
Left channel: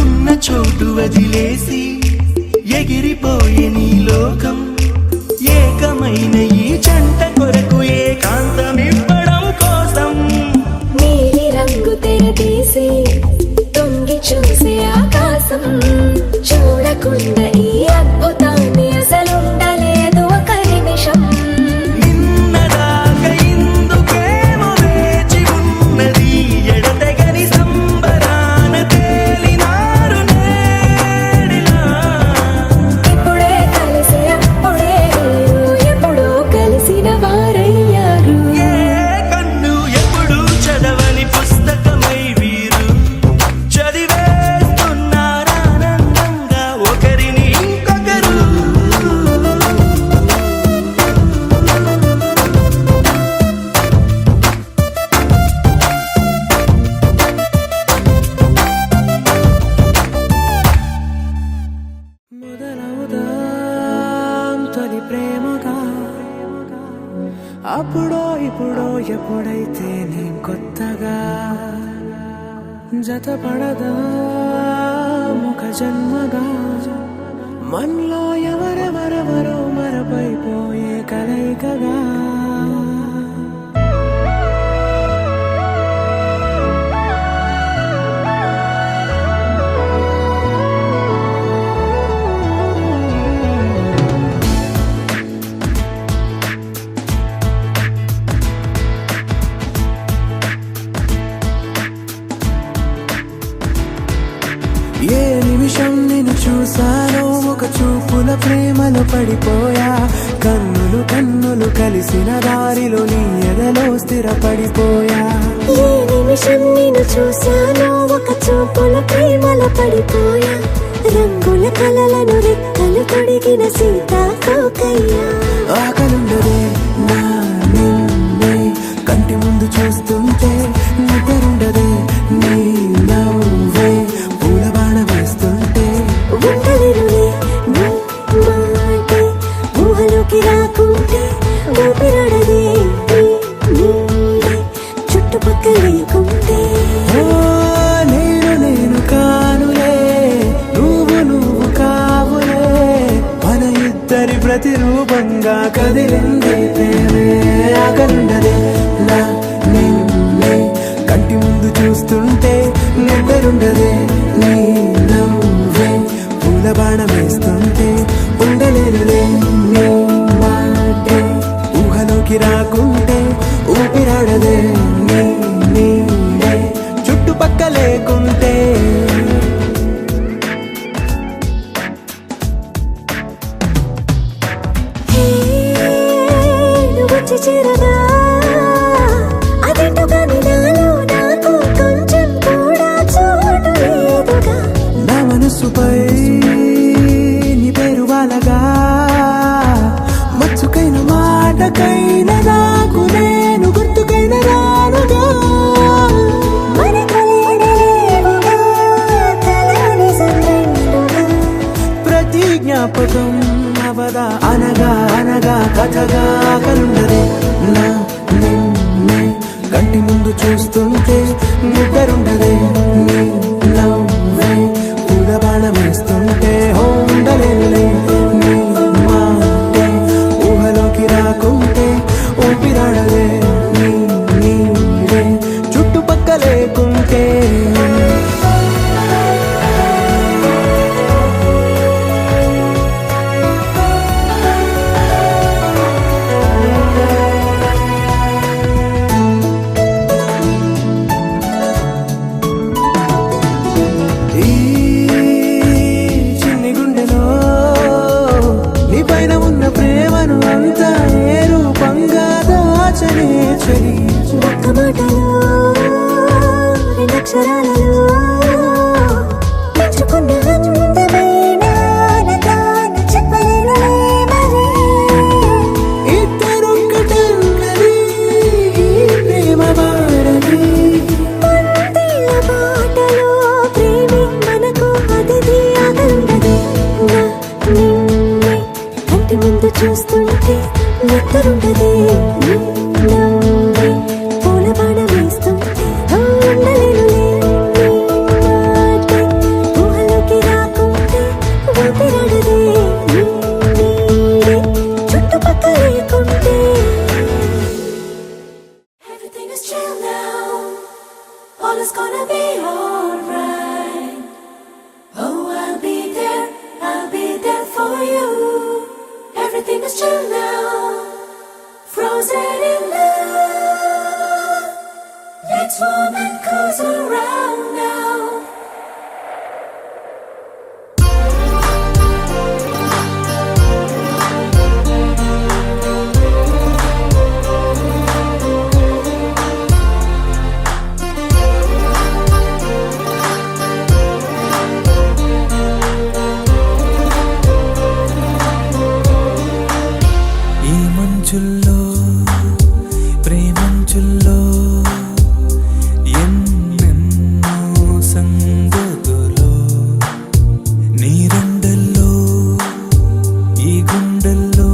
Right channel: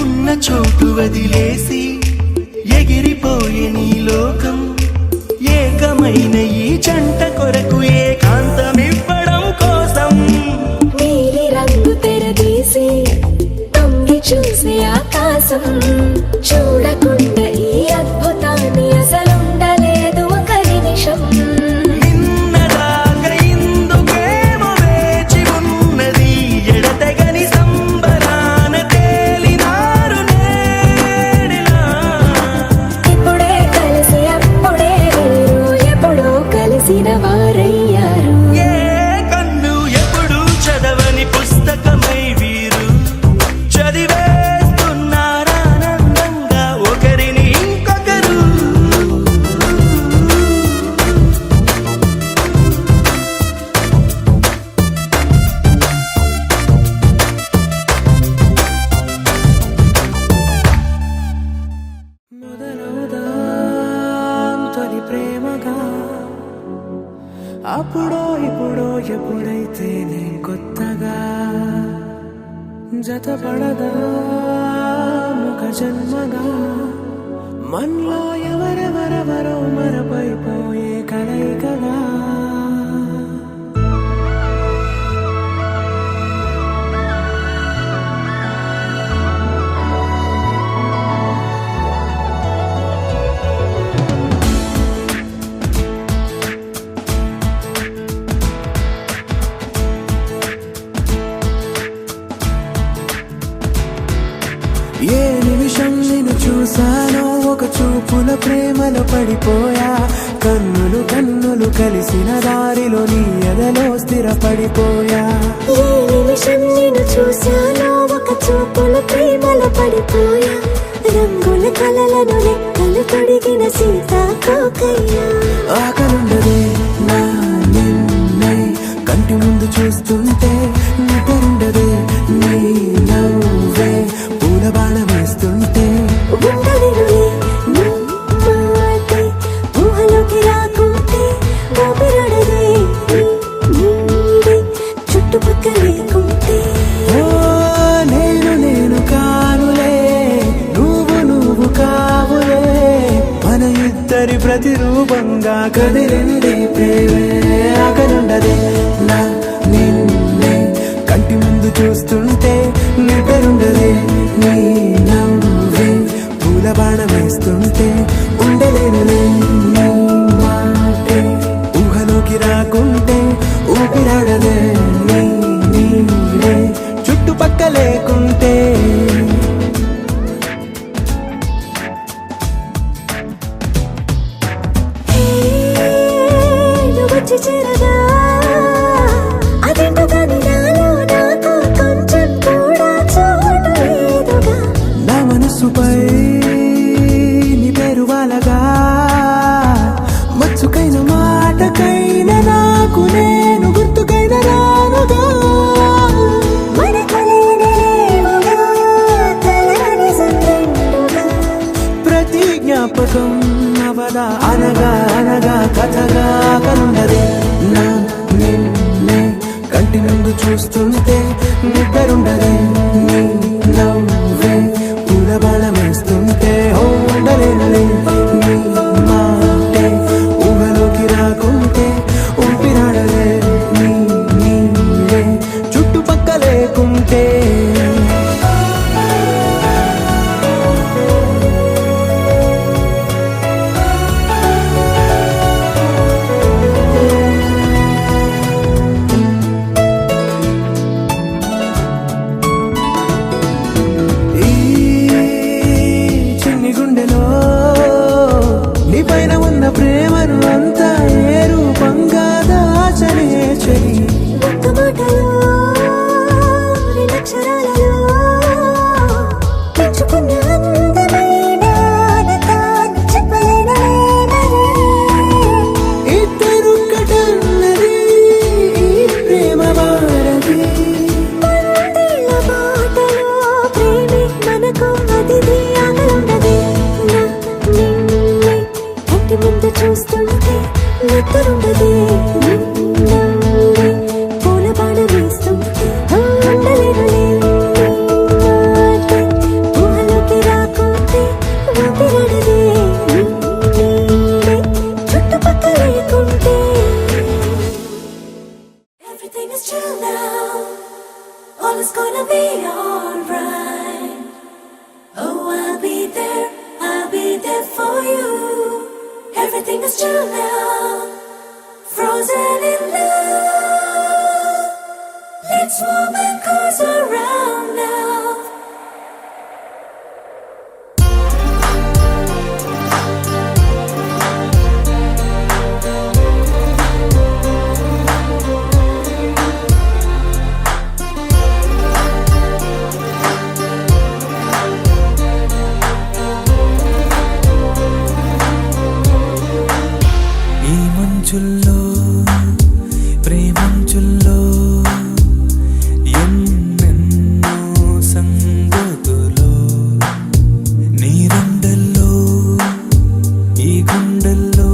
ఉన్న చోటు వదిలేసి ఎగిరిపోయే నీ లోకం ఏకమైన ఈ జంట కొరకు ఏకాంతమివ్వడం కోసం నీలి రంగు తెరదీసి తొంగి చూసే ఆకాశం చూడకుండా ఈ అద్భుతాన్ని అసలుండలేదు ఒక నిమిషం నిన్నదాకా ఇందుకేమో వేచి ఉన్నది ఎడతెగని సంబరాన తేలినారు నేడిలా ఇప్పుడే కలిసి అప్పుడే వీరు ఎప్పుడో కలిసిన వారయ్యారు ఏ కన్ను ఎప్పుడు చదవని పుస్తకమై వీరు చదివేస్తున్నారానందంగా ఒకరిని ఇంకొకరు మొదలవుదాం తొలి ప్రేమగా అప్పుడో ఇప్పుడో ఎప్పుడైతే నేను కొత్తగా జతపడదా ఒక జన్మగా మనలో ఎవరెవరెవరో మరపైపోయే కలయికగా ఏ నిమిషం నిన్ను చూసానో ఒక చూపుల ప్రేమలో పడిపోయా కన్నులు కన్నులు కలిసిన దారిలో నీ ఎదలో స్థిరపడిపోయా ఏ నిమిషం నేను చూశానో ఒక చూపుల ప్రేమలో పడిపోయా రంగుల కలలను రెక్కలు తొడిగిన సీతాకోకయ్యా ఆకలుండదే నా నిన్నే కంటి ముందు చూస్తుంటే నిద్రుండదే నీ నవ్వే పూల బాణ వేస్తుంటే ఉండలేనులే నీ మాటే ఊహలోకి రాకుంటే ఊపిరాడదే నీ నీడే చుట్టుపక్కల లేకుంటే ఓ నేను కానులే నువ్వు కావులే మన ఇద్దరి ప్రతిరూపంగా కదిలింది ప్రేమే ఆకలుండదే నా నిన్నే కంటి ముందు చూస్తుంటే నిద్రుండదే నీ నవ్వే పూల బాణం వేస్తుంటే ఉండలేనులే నీ మాటే ఊహలోకి రాకుంటే ఊపిరాడదే నీ నీడే చుట్టుపక్క లేకుంటే వచ్చి చేరగా అదేంటో కానీ నాలో నాకు కొంచెం కూడా చోటు లేదుగా నా మనసుపై నీ పేరు వాలగా మచ్చుకైన మాటకైన నాకు నేను గుర్తుకైన రానుగా మనకు లేనిదేవుగా చూస్తుంటే నిద్రుండదే నీ నవ్వే పూల బాణమేస్తుంటే ఉండలేనులే నీ మాటే ఊహలోకి రాకుంటే ఊపిరాడదే నీ నీడే చుట్టుపక్క లేకుంటే ఈ చిన్ని గుండెలో నీ పైన ఉన్న ప్రేమను అంతా ఏ రూపంగా దాచనే చలి ఒక్క మాటలో రెండక్షరాలలో పెంచుకున్న అందమైన ఆనందాన్ని చెప్పలేనులే మరి. ఇద్దరొక్కటన్నది ఈ ప్రేమ వారది పందిళ్ళ బాటలో ప్రేమే మనకు అతిథి ఆగలుండదే. నా నిన్నే కంటి ముందు చూస్తుంటే నిద్రుండదే నవ్వే పూల బాణం వేస్తుంటే ఉండలేనులే నీ మాటే ఊహలోకి రాకుంటే ఊపిరాడదే నీ నీడే చుట్టుపక్క లేకుంటే. Everything is chill now, all is gonna be alright. Oh, I'll be there for you. Everything is chill now, frozen in love. Let's warm and cozy around now. ఈ మంచుల్లో ప్రేమంచుల్లో ఎన్నెన్నో సంగతులో నీరండల్లో ఈ గుండెల్లో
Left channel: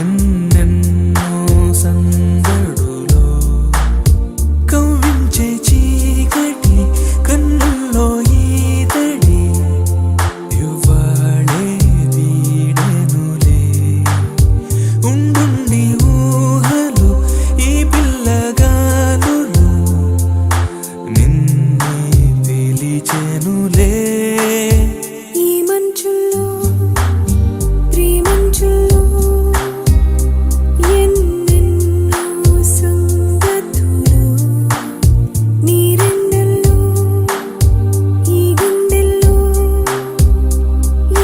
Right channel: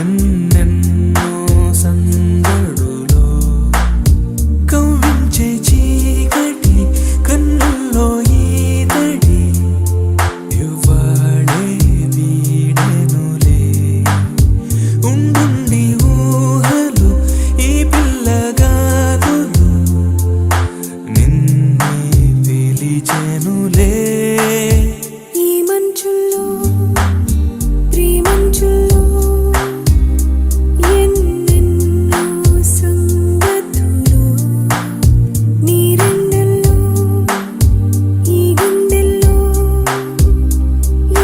ఎన్నెన్నో సందడులో కవ్వించే చీకటి కన్నుల్లో ఈతడి ఇవ్వాళే వీడెనులే ఉండుండి ఊహలు ఈ పిల్లగాలులు నిన్నే పిలిచెనులే. ఈ మంచుల్లో ప్రేమంచుల్లో ఎన్నెన్నో సంగతులు నీరెండల్లో ఈ గుండెల్లో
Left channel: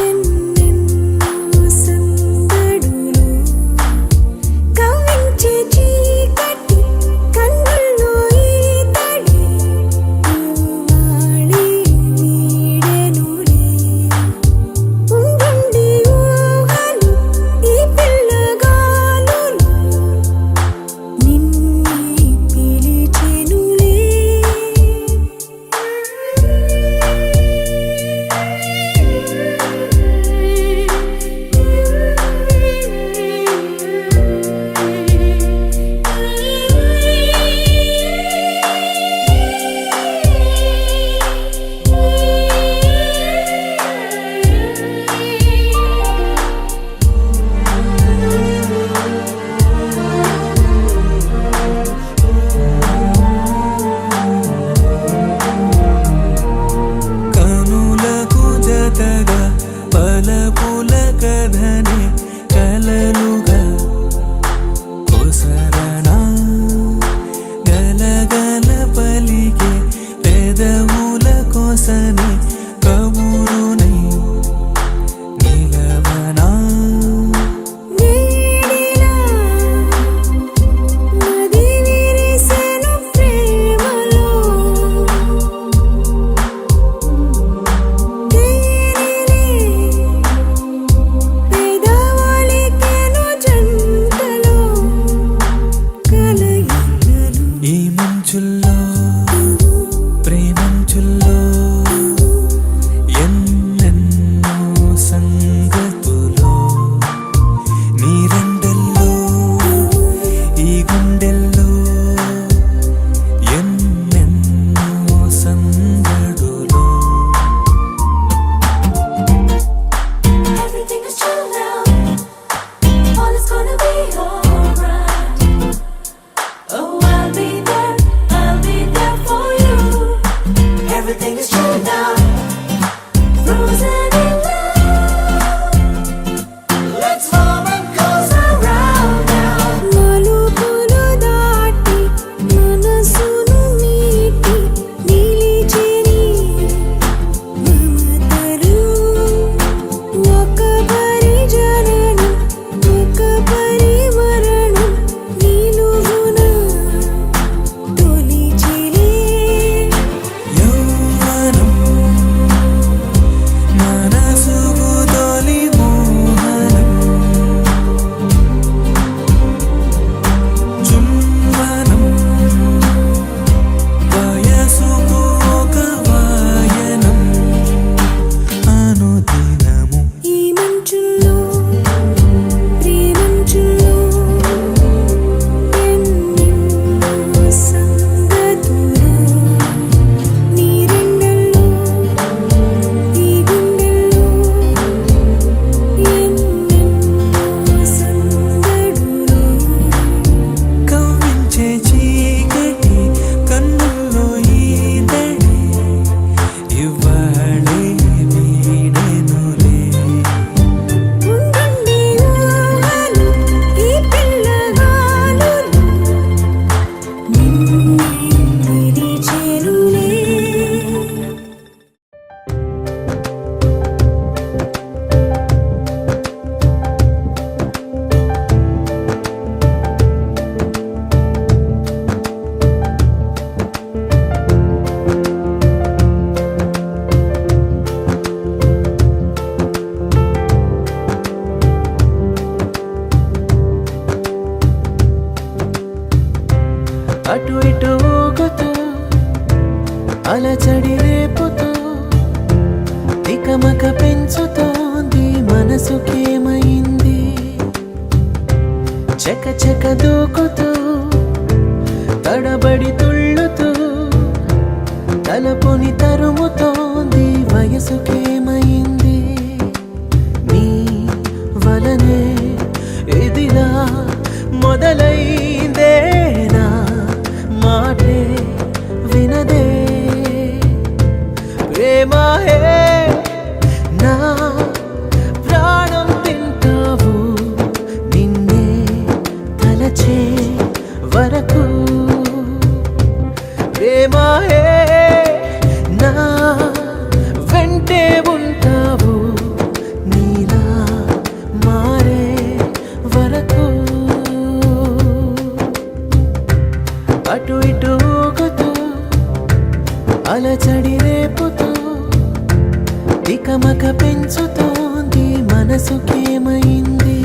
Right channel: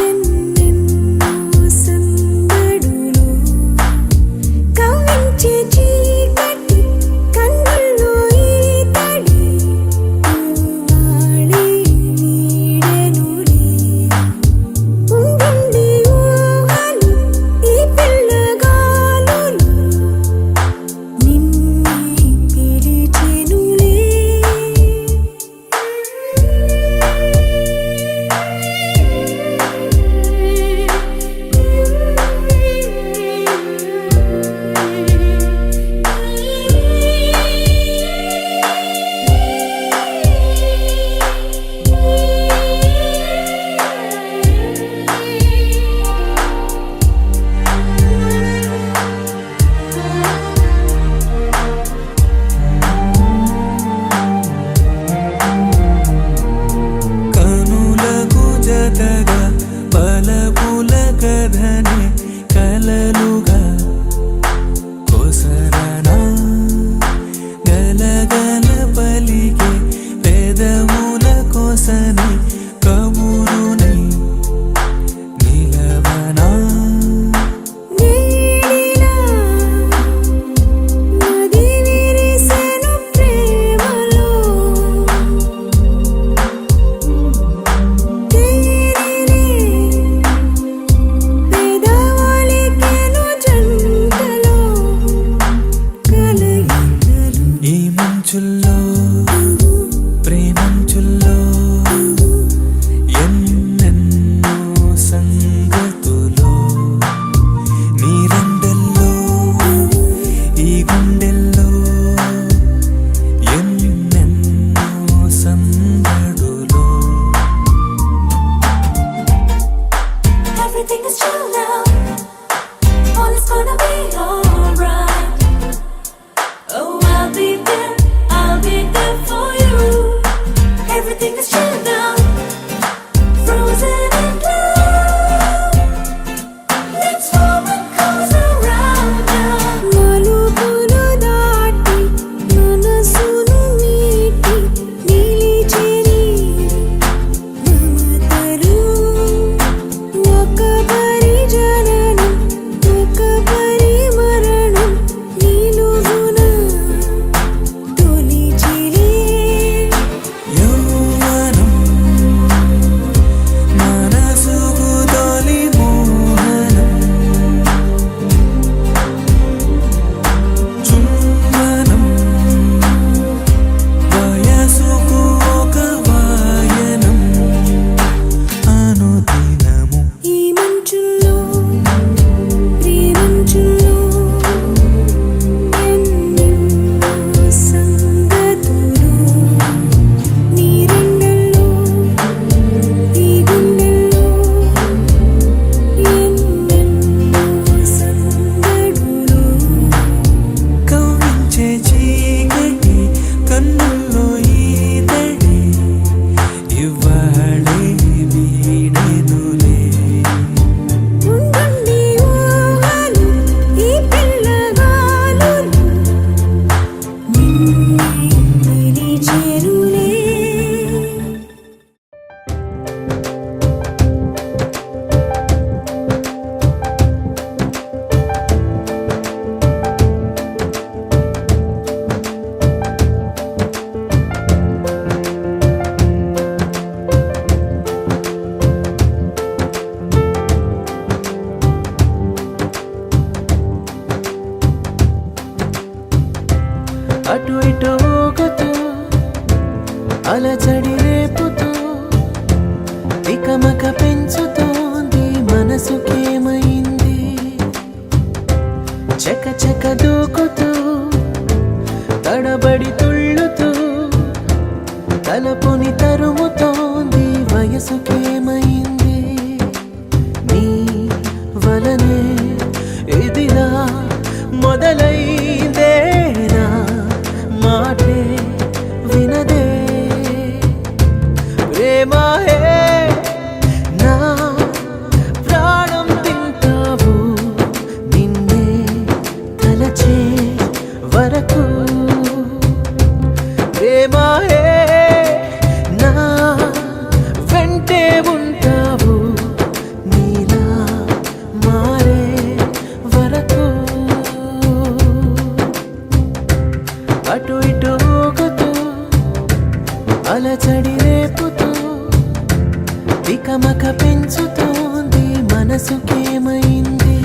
ఎన్నెన్నో సందడులు కవ్వించే చీకటి కన్నుల్లో ఈతడి ఇవ్వాళే వీడెనులే ఉండుండి ఊహలు ఈ పిల్లగాలులు నిన్నే పిలిచెనులే. కనులకు జతగా పలపుల కథనే కలలుగా కొసరనా గలగల పలికే పెదవుల కోసని కబురునై నిలవనా నీడిలా నది విరిసెను ప్రేమలో తేనెలే పెదవులికెను జంటలో కలయికలు. ఈ మంచుల్లో ప్రేమంచుల్లో ఎన్నెన్నో సంగతులో నీరండల్లో ఈ గుండెల్లో అటు ఇటు ఊగుతూ అలచడి రేపుతూ తికమక పెంచుతోంది మనసుకేమైంది చక చక దూకుతూ తడబడి తుళ్ళుతూ తలపుని తరుముతోంది వయసుకేమైంది నీ వలనే ఇదిలా మొదలైందేనా మాటే వినదే ప్రేమాయే నా ప్రాణం తింటావు నిన్నే తలచే వరకు ప్రేమాయే నా వెంటే ఉంటావు నీలా మారే వరకు అటు ఇటు ఊగుతూ అలచడి రేపుతూ తికమక పెంచుతోంది మనసుకేమైంది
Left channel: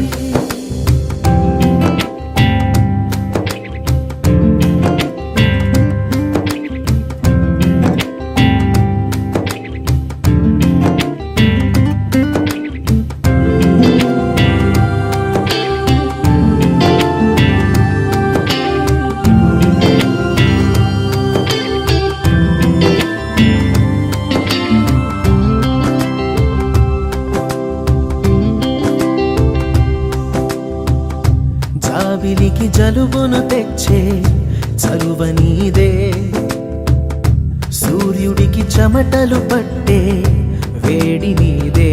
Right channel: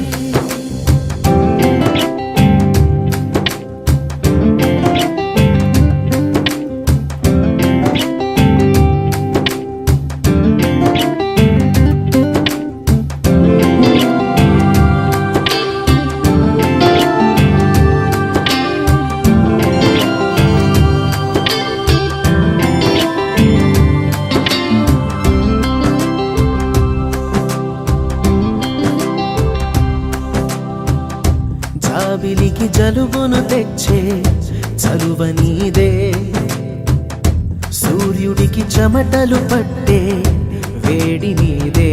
జాబిలికి జలుబును తెచ్చే చలువ నీదే సూర్యుడికి చెమటలు పట్టే వేడి నీదే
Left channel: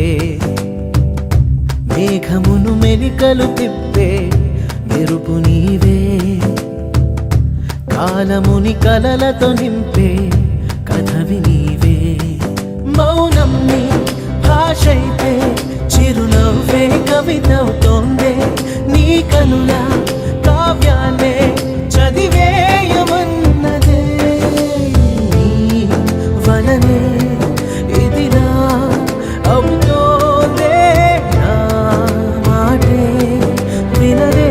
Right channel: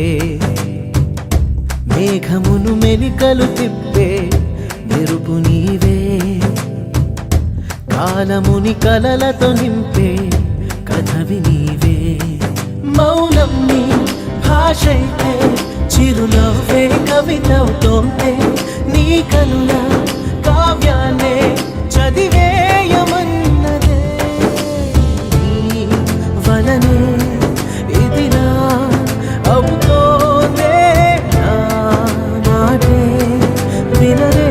మేఘమును మెలికలు తిప్పే మెరుపు నీవే కాలముని కలలతో నింపే కథవి నీవే మౌనం నీ భాషైతే చిరునవ్వే కవితవుతోందే నీ కనుల కావ్యాన్నే చదివేయమన్నదే నీ వలనే ఇదిలా అవుతోందే నా మాటే వినదే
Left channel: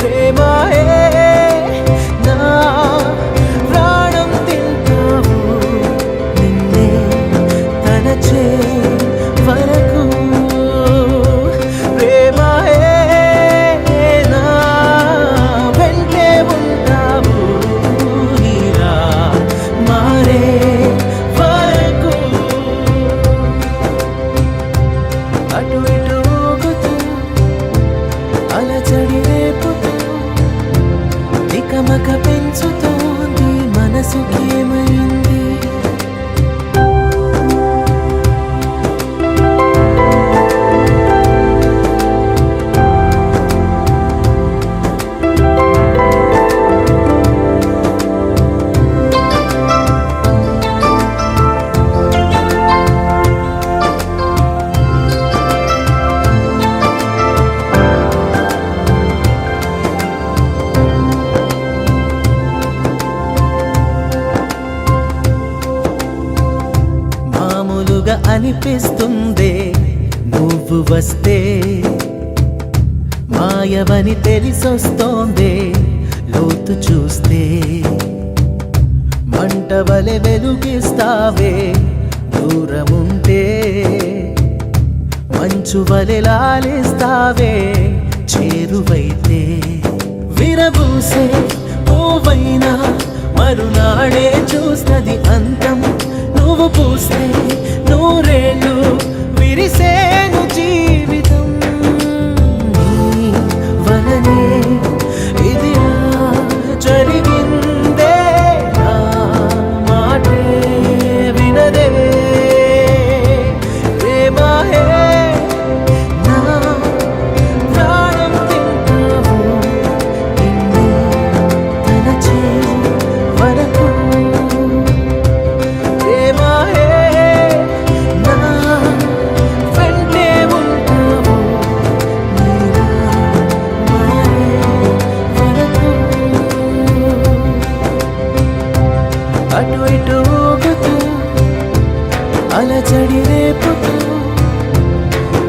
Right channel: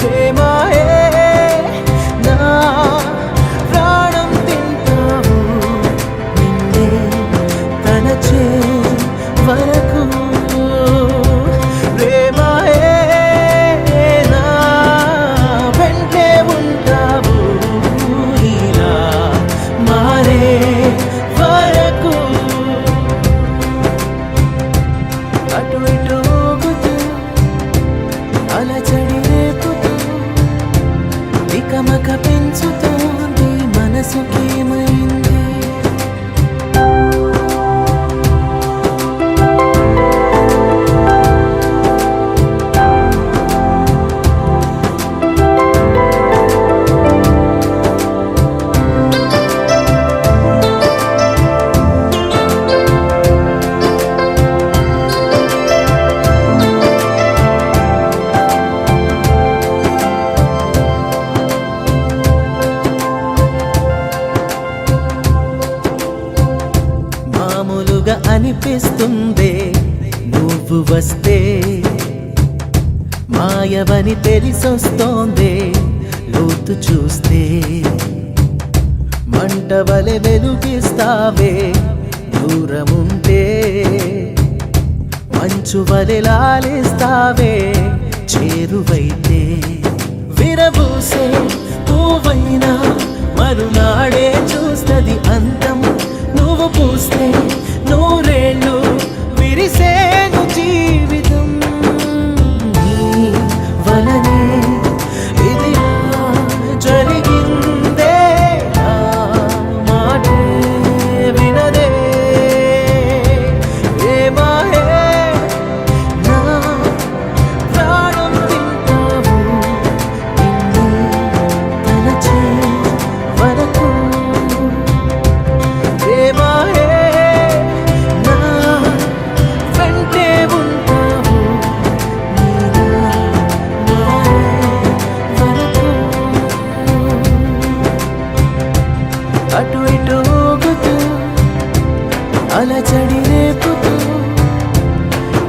ప్రేమాయే నా ప్రాణం తింటావు నిన్నే తలచే వరకు ప్రేమాయే నా వెంటే ఉంటావు నీలా మారే వరకు అటు ఇటు ఊగుతూ అలచడి రేపుతూ తికమక పెంచుతోంది మనసుకేమైంది మామూలుగా అనిపిస్తుందే నువ్వు వస్తే మాయవని తెలిసొస్తోందే లోతు చూస్తే మంటవలె వెలుగిస్తావే దూరముంటే మంచు వలె లాలిస్తావే చేరువైతే విరబూసే పువ్వైనా మరునాడే చూస్తది అంతం నువ్వు పూస్తే నూరేళ్ళు విరిసేను జీవితం నీ వలనే ఇదిలా జరిగిందే నా మాటే వినదే ప్రేమాయే నా ప్రాణం తింటావు నిన్నే తలచే వరకు ప్రేమాయే నా వెంటే ఉంటావు నీలా మారే వరకు అటు ఇటు ఊగుతూ అలచడి రేపుతూ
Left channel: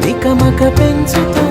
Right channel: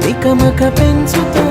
తికమక పెంచుతూ